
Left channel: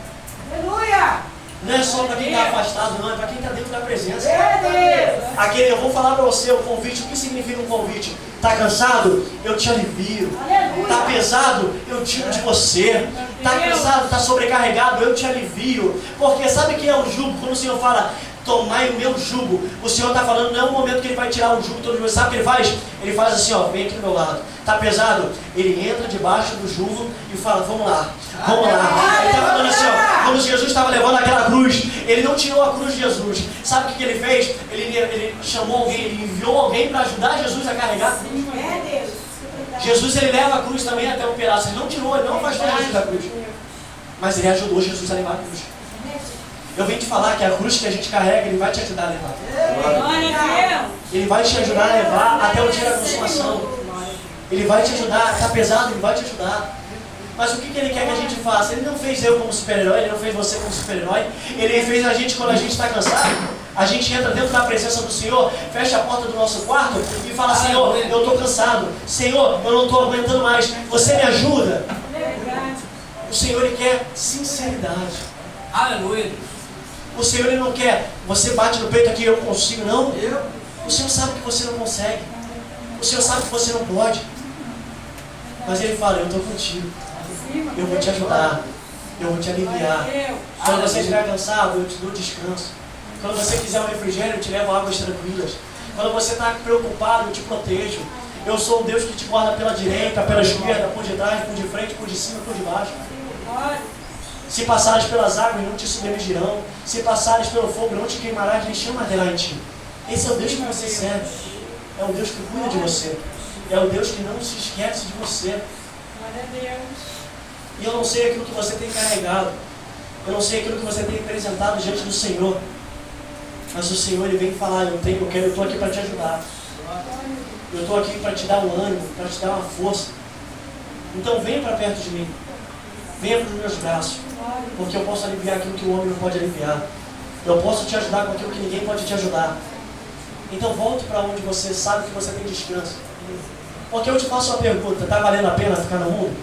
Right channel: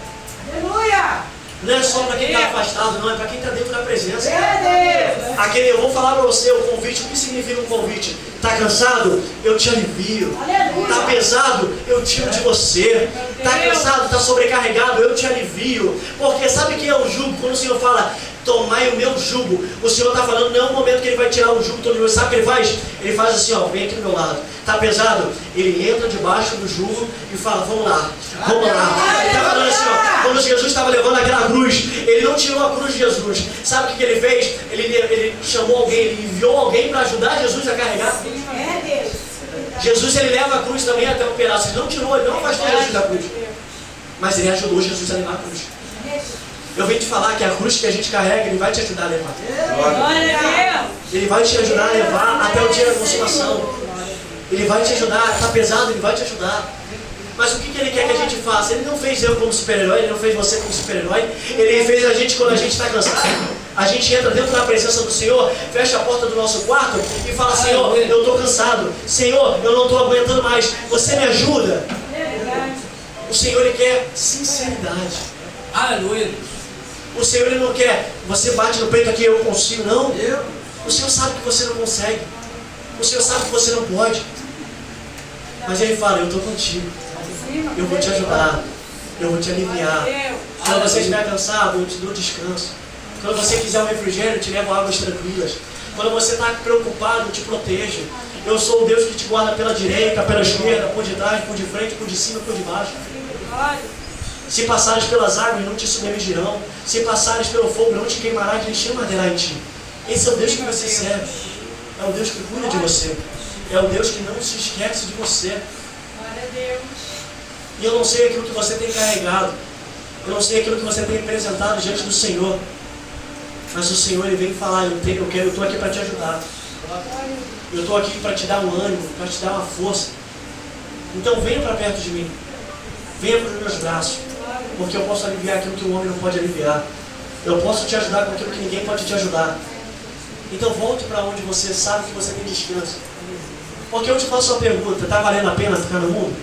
Aleluia! Não é só para quem está afastado, não, é para quem está dentro da presença. Deus! Eu vou falar para você o convite. O que significa um convite? Está cansado? Eu te alivio. Está pesado? Eu tiro de você. Está cansado? Está sobrecarregado? Eu te alivio. Porque sabe que é o jugo? Quando o Senhor fala, tomai o meu jugo, o Senhor está falando, não é o momento que Ele vai tirar o jugo todo mundo. Sabe o que Ele faz? Ele faz assim, ó, vem aqui do meu lado. Está pesado? Ele entra debaixo do jugo e fala, vamos lá, vamos lá. Ele está falando assim, ó, quando Jesus estava levando aquela cruz, Ele não tirou a cruz de Jesus. Sabe o que Ele fez? Ele chamou alguém, Ele enviou alguém para ajudar Jesus a carregar. Jesus, Ele leva a cruz também até o pedaço. Ele não tirou, Ele não afastou Jesus da cruz. Mas Ele ajudou Jesus a levar a cruz. Eu venho te falar que a cruz que a gente carrega, Ele vai te ajudar a levar. Ele vai te ajudar a levar até o dia da consumação. Ele vai te ajudar, está pesado, Ele vai te ajudar. Mas o que Ele quer que a gente faça? Ele não fez eu como super-herói, Ele não fez você como super-herói. Ele fez a gente quando a gente está cansado. A gente entra dentro da presença do Senhor, fecha a porta do nosso quarto e fala, Senhor, eu estou cansado. Senhor, eu não estou aguentando mais. Você me ajuda? O Senhor, Ele quer sinceridade. Aleluia. O Senhor, Ele não quer, você bate no peito aqui, eu consigo, não. O Senhor sabe que você não consegue. O Senhor sabe que você não pode. Mas Ele fala, eu estou contigo. Eu vou te ajudar. eu vou te aliviar. Quando você estiver cansado, eu te dou descanso. Quando você quiser um refrigério, eu te levo águas tranquilas. Quando você está preocupado, eu te protejo. Eu sou o Deus que te guarda pela direita, pela esquerda, por detrás, por de frente, por de cima, por de baixo. Se passares pelas águas, não te submergirão. Se passares pelo fogo, não te queimarás, nem chama arderá em ti. Esse é o Deus que você serve. É o Deus que cuida de você. É o Deus que não se esquece de você. Glória a Deus. E eu não sei aquilo que você tem carregado. Eu não sei aquilo que você tem apresentado diante do Senhor. Mas o Senhor, Ele vem falar, eu estou aqui para te ajudar. Eu estou aqui para te dar um ânimo, para te dar uma força. Então venha para perto de mim. Venha para os meus braços. Porque eu posso aliviar aquilo que o homem não pode aliviar. Eu posso te ajudar com aquilo que ninguém pode te ajudar. Então volte para onde você sabe que você tem descanso. Porque eu te faço uma pergunta: está valendo a pena ficar no mundo?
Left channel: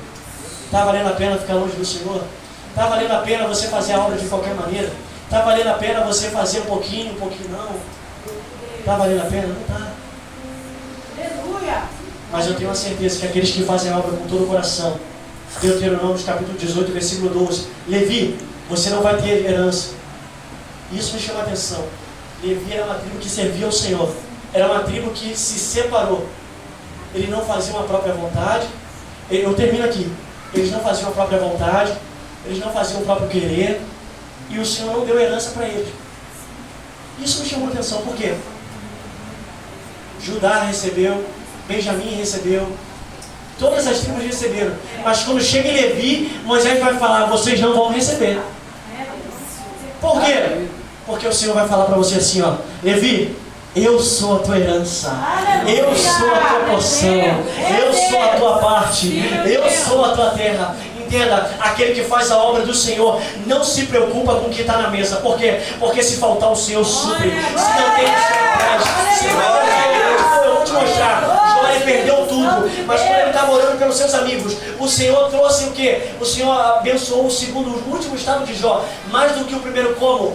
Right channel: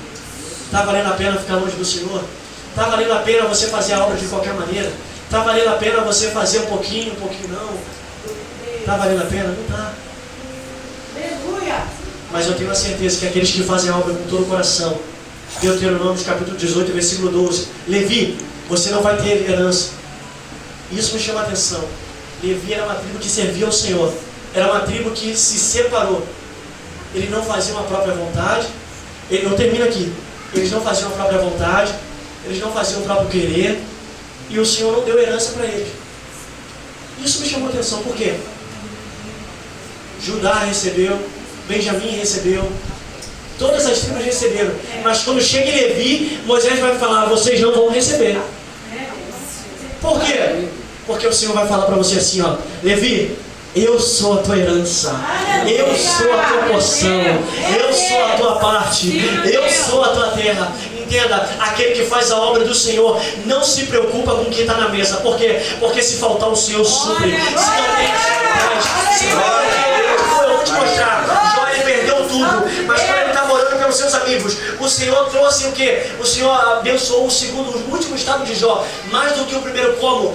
Está valendo a pena ficar longe do Senhor? Está valendo a pena você fazer a obra de qualquer maneira? Está valendo a pena você fazer um pouquinho não? Está valendo a pena? Não está. Aleluia. Mas eu tenho a certeza que aqueles que fazem a obra com todo o coração, Deuteronômio capítulo 18, versículo 12, Levi, você não vai ter herança. Isso me chama a atenção. Levi era uma tribo que servia ao Senhor. Era uma tribo que se separou. Ele não fazia uma própria vontade. Eu termino aqui. Eles não faziam a própria vontade. Eles não faziam o próprio querer. E o Senhor não deu herança para eles. Isso me chamou a atenção. Por quê? Judá recebeu. Benjamim recebeu. Todas as tribos receberam. Mas quando chega em Levi, Moisés vai falar: vocês não vão receber. Por quê? Porque o Senhor vai falar para você assim, ó: Levi, eu sou a tua herança, eu sou a tua porção, eu sou a tua parte, eu sou a tua terra. Entenda, aquele que faz a obra do Senhor não se preocupa com o que está na mesa. Por quê? Porque se faltar, o Senhor supre. Se não tem, o Senhor traz. Se não tem, eu vou te mostrar. Jó, ele perdeu tudo, mas quando ele estava orando pelos seus amigos, o Senhor trouxe o quê? O Senhor abençoou o último estado de Jó, mais do que o primeiro. Como?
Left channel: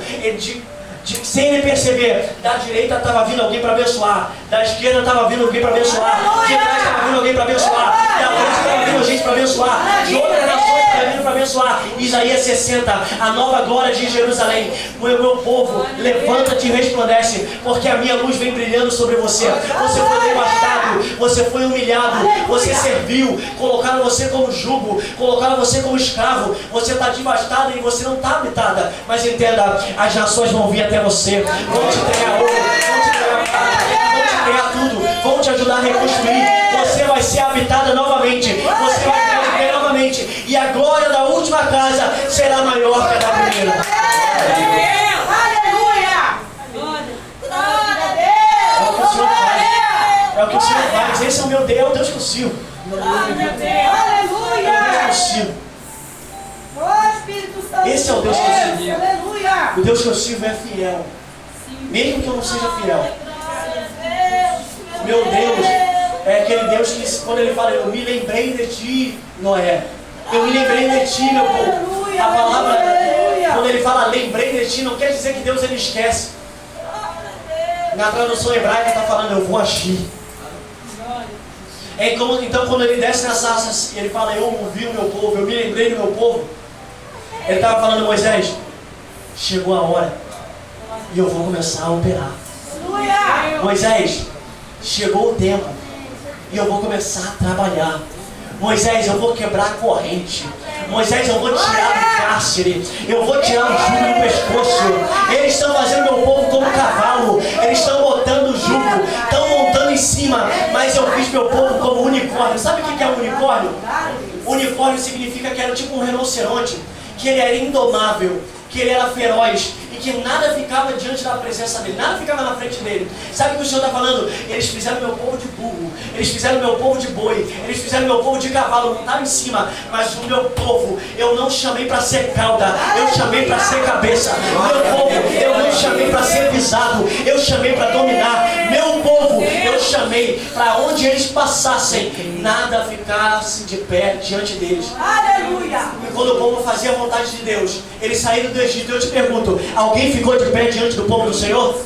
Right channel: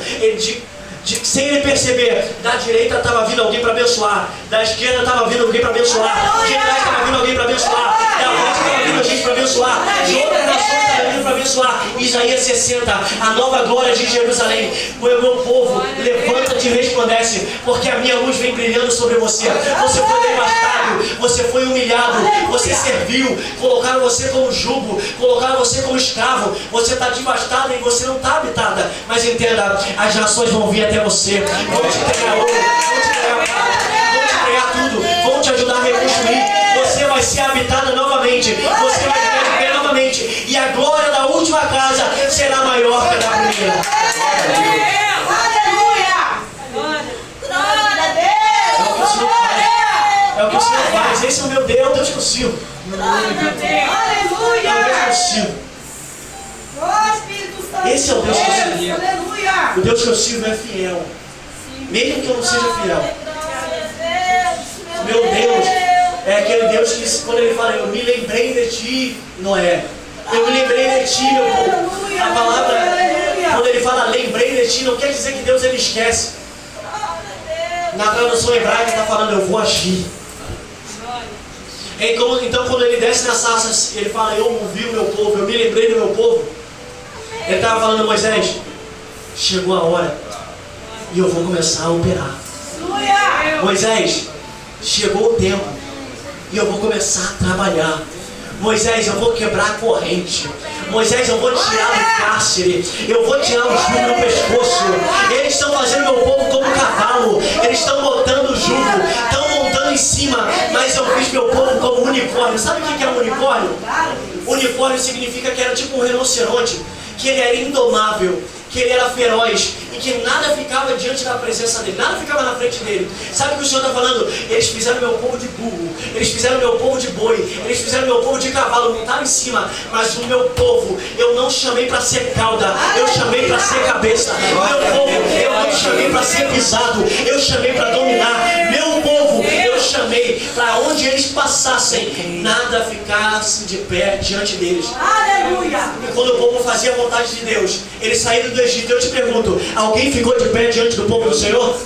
Sem ele perceber, da direita estava vindo alguém para abençoar, da esquerda estava vindo alguém para abençoar, de trás estava vindo alguém para abençoar, da frente estava vindo gente para abençoar, de outras nações estava vindo para abençoar. Isaías 60, a nova glória de Jerusalém. O meu povo, levanta-te e resplandece, porque a minha luz vem brilhando sobre você. Você foi devastado, você foi humilhado, você serviu, colocaram você como jugo, colocaram você como escravo, você está devastado e você não está habitada. Mas entenda, as nações vão vir até você, vão te entregar ouro, vão te entregar prata, vão te entregar tudo, vão te ajudar a reconstruir. Você vai ser habitada novamente, você vai ficar de pé novamente, e a glória da última casa será maior que a da primeira. Aleluia! Glória a Deus! É o que o Senhor faz. É o que o Senhor faz. Esse é o meu Deus, é o Deus que eu sirvo. Aleluia! É o Deus que eu sirvo. Oh, Espírito Santo. Esse é o Deus que eu sirvo. Aleluia! O Deus que eu sirvo é fiel. Mesmo que eu não seja fiel. Meu Deus é aquele Deus que, quando Ele fala, eu me lembrei de ti, Noé. Eu me lembrei de ti, meu povo. A palavra, quando Ele fala lembrei de ti, não quer dizer que Deus Ele esquece. Na tradução hebraica está falando, eu vou agir. Então quando Ele desce na sarça, Ele fala, eu ouvi o meu povo, eu me lembrei do meu povo. Ele estava falando, Moisés, chegou a hora e eu vou começar a operar. Moisés, chegou o tempo e eu vou começar a trabalhar. Moisés, eu vou quebrar a corrente. Moisés, eu vou tirar o cárcere. Eu vou tirar o jugo no pescoço. Eles estão fazendo meu povo como um cavalo. Eles estão botando o jugo, estão montando em cima. Mas eu fiz meu povo como unicórnio. Sabe o que é um unicórnio? Unicórnio significa que era tipo um rinoceronte, que ele era indomável, que ele era feroz e que nada ficava diante da presença dele, nada ficava na frente dele. Sabe o que o Senhor está falando? Eles fizeram meu povo de burro, eles fizeram meu povo de boi, eles fizeram meu povo de cavalo, montaram em cima, mas o meu povo eu não chamei para ser cauda, eu chamei para ser cabeça. Meu povo eu não chamei para ser pisado, eu chamei para dominar. Meu povo eu chamei para onde eles passassem, nada ficasse de pé diante deles. Aleluia! Quando o povo fazia a vontade de Deus, eles saíram do Egito. Eu te pergunto, alguém ficou de pé diante do povo do Senhor?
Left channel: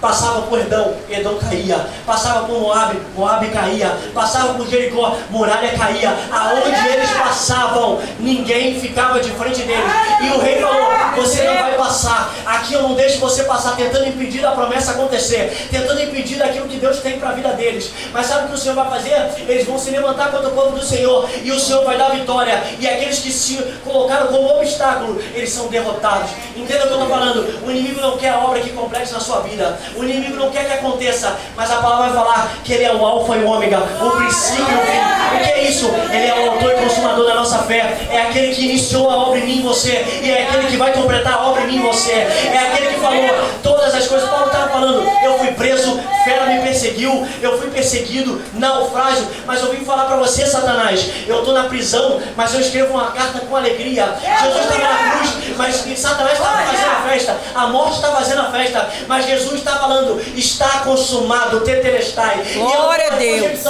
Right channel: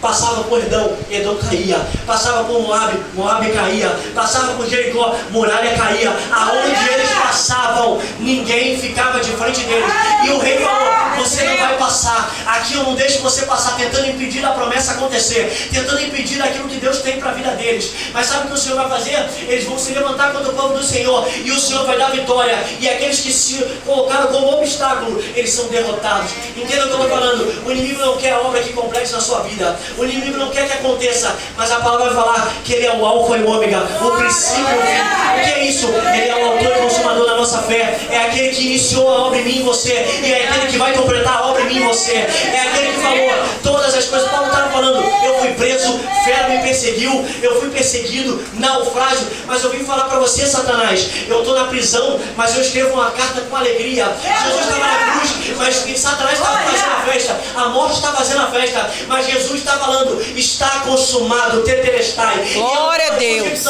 passava por Edom, Edom caía, passava por Moabe, Moabe caía, passava por Jericó, muralha caía. Aonde eles passavam, ninguém ficava de frente deles. E o rei falou: você não vai passar, aqui eu não deixo você passar, tentando impedir a promessa acontecer, tentando impedir aquilo que Deus tem para a vida deles. Mas sabe o que o Senhor vai fazer? Eles vão se levantar contra o povo do Senhor, e o Senhor vai dar vitória, e aqueles que se colocaram como obstáculo, eles são derrotados. Entenda o que eu estou falando? O inimigo não quer a obra que complete na sua vida, o inimigo não quer que aconteça, mas a palavra vai falar que Ele é o alfa e o ômega, o princípio e o fim. O que é isso? Ele é o autor e consumador da nossa fé, é aquele que iniciou a obra em mim e você, e é aquele que vai completar a obra em mim e você, é aquele que falou todas as coisas. Paulo estava falando: eu fui preso, fera me perseguiu, eu fui perseguido, naufrágio, mas eu vim falar para você, Satanás, eu estou na prisão, mas eu escrevo uma carta com alegria. Jesus estava na cruz, mas Satanás estava fazendo a festa, a morte está fazendo a festa, mas Jesus está falando: está consumado, tetelestai. Glória a Deus.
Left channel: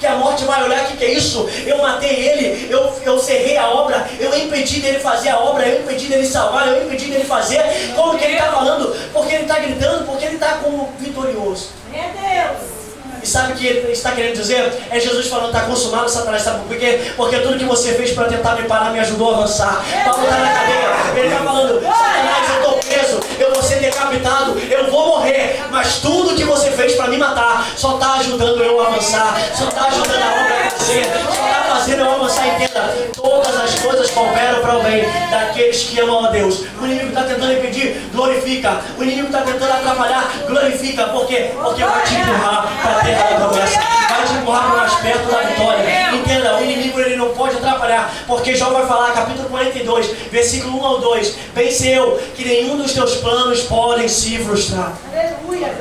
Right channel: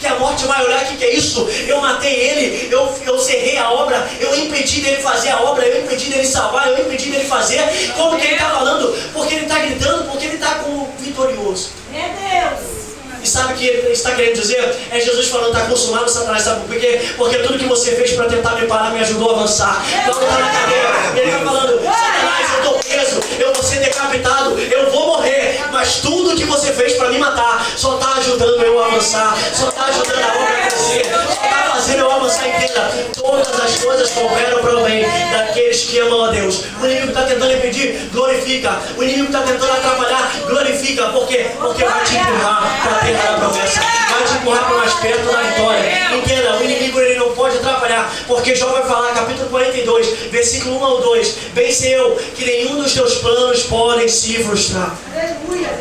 Que a morte vai olhar: o que é isso? Eu matei ele, eu cerrei a obra, eu impedi dele fazer a obra, eu impedi dele salvar, eu impedi dele fazer. Como que ele está falando? Porque ele está gritando, porque ele está como vitorioso. Meu Deus. E sabe o que ele está querendo dizer? É Jesus falando: está consumado, Satanás. Sabe por quê? Porque tudo que você fez para tentar me parar me ajudou a avançar. Paulo está na cadeia, ele está falando: Satanás, eu estou preso, eu vou ser decapitado, eu vou morrer, mas tudo que você fez para me matar só está ajudando eu a avançar, só está ajudando a obra a crescer, só está fazendo eu avançar. Entenda, todas as coisas cooperam para o bem daqueles que amam a Deus. O inimigo está tentando impedir, glorifica. O inimigo está tentando atrapalhar, glorifica. Por quê? Porque vai te empurrar para a terra da promessa, vai te empurrar para mais perto da vitória. Entenda, o inimigo ele não pode atrapalhar, porque Jó vai falar, capítulo 42, versículo 1 ao 2: bem sei eu que nenhum dos teus planos podem se frustrar. Aleluia.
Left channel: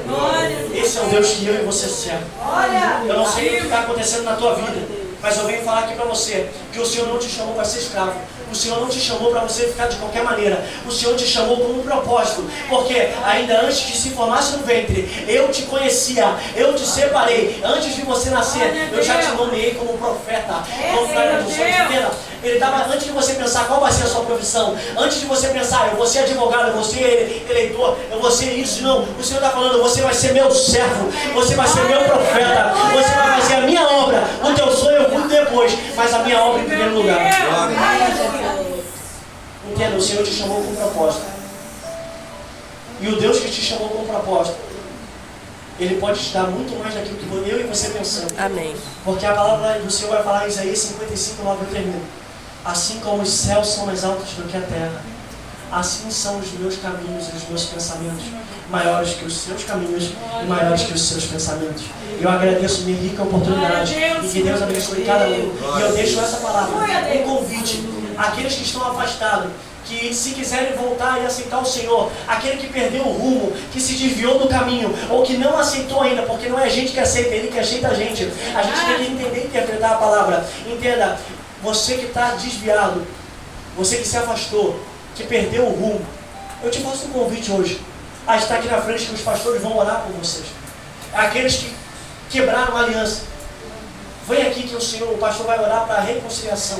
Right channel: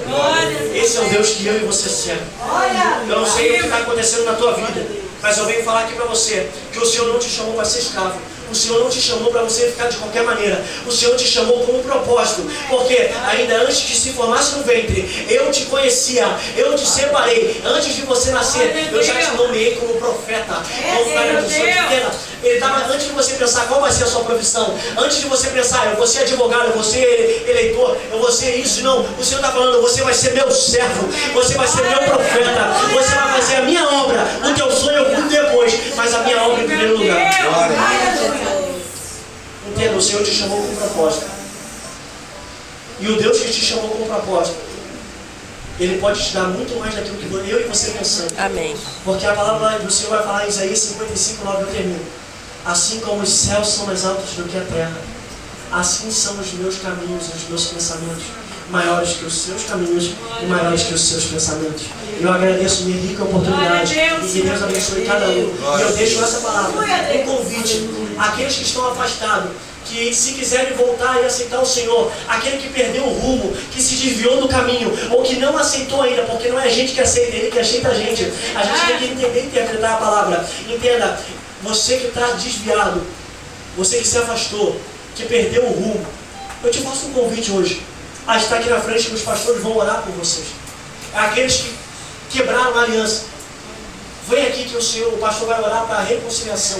Esse é o Deus que eu e você servem. Eu não sei o que está acontecendo na tua vida, mas eu venho falar aqui para você que o Senhor não te chamou para ser escravo. O Senhor não te chamou para você ficar de qualquer maneira. O Senhor te chamou com um propósito. Porque ainda antes de se formasse no ventre, eu te conhecia, eu te separei. Antes de você nascer, eu já te nomeei como profeta, como profeta do Senhor. Ele estava, antes de você pensar qual vai ser a sua profissão, antes de você pensar: eu vou ser advogado, eu vou ser eleitor, eu vou ser isso. Não, o Senhor está falando: você vai ser meu servo, você vai ser meu profeta, você vai fazer a minha obra. O teu sonho eu cuido depois, mas a minha obra em primeiro lugar. Entenda, o Senhor te chamou com um propósito. E o Deus que te chamou com um propósito, Ele pode te dar muito mais daquilo que eu e você pensamos. Amém. Porque a palavra do Senhor vai falar em Isaías 55, 9, eu termino: assim como os céus são mais altos do que a terra, assim são os meus caminhos e os meus pensamentos, maiores que os seus caminhos e maiores que os seus pensamentos. E eu agradeço minha rica oportunidade, e que Deus abençoe cada um. E eu deixo essa palavra, um convite àqueles que estão afastados, que se quiserem voltar e aceitar o Senhor, aquele que perdeu o rumo, que se desviou do caminho, ou que não aceitou ainda, porque não é a gente que aceita, é Ele que aceita a gente. A gente tem que entender e interpretar a palavra. Entenda, você que está desviado, você que se afastou, que perdeu o rumo, eu te faço um convite hoje a estar aqui na frente, que os pastores vão orar por vocês. Aqueles que quebraram a aliança, vem aqui que o pastor vai orar para a reconciliação.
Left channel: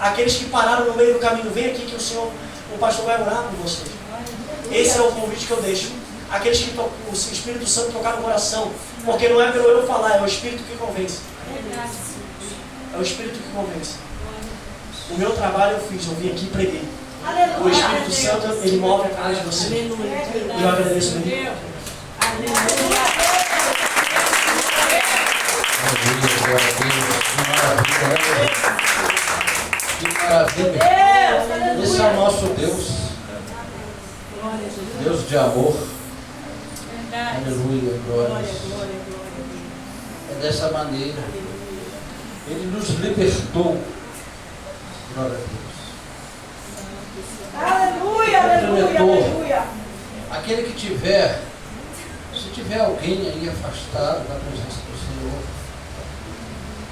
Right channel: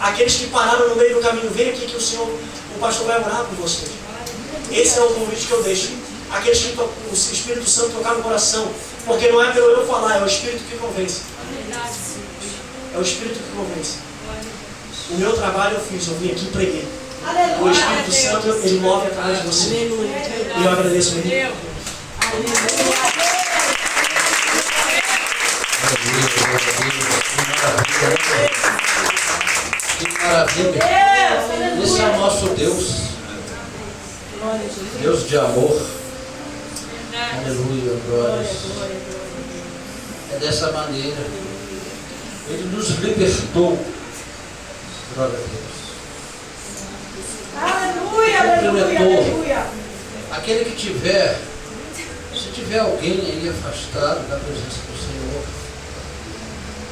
Aqueles que pararam no meio do caminho, vem aqui que o pastor vai orar por vocês. Esse é o convite que eu deixo. Aqueles que o Espírito Santo tocar no coração, porque não é pelo eu falar, é o Espírito que convence. É o Espírito que convence. O meu trabalho eu fiz, eu vim aqui e preguei. O Espírito Santo, ele move atrás de você. E eu agradeço mesmo. Que maravilha. Esse é o nosso Deus. Deus de amor. Aleluia, glória. É dessa maneira. Ele nos libertou. Glória a Deus. Aleluia, aleluia, aleluia. Aquele que tiver, se tiver alguém aí afastado da presença do Senhor,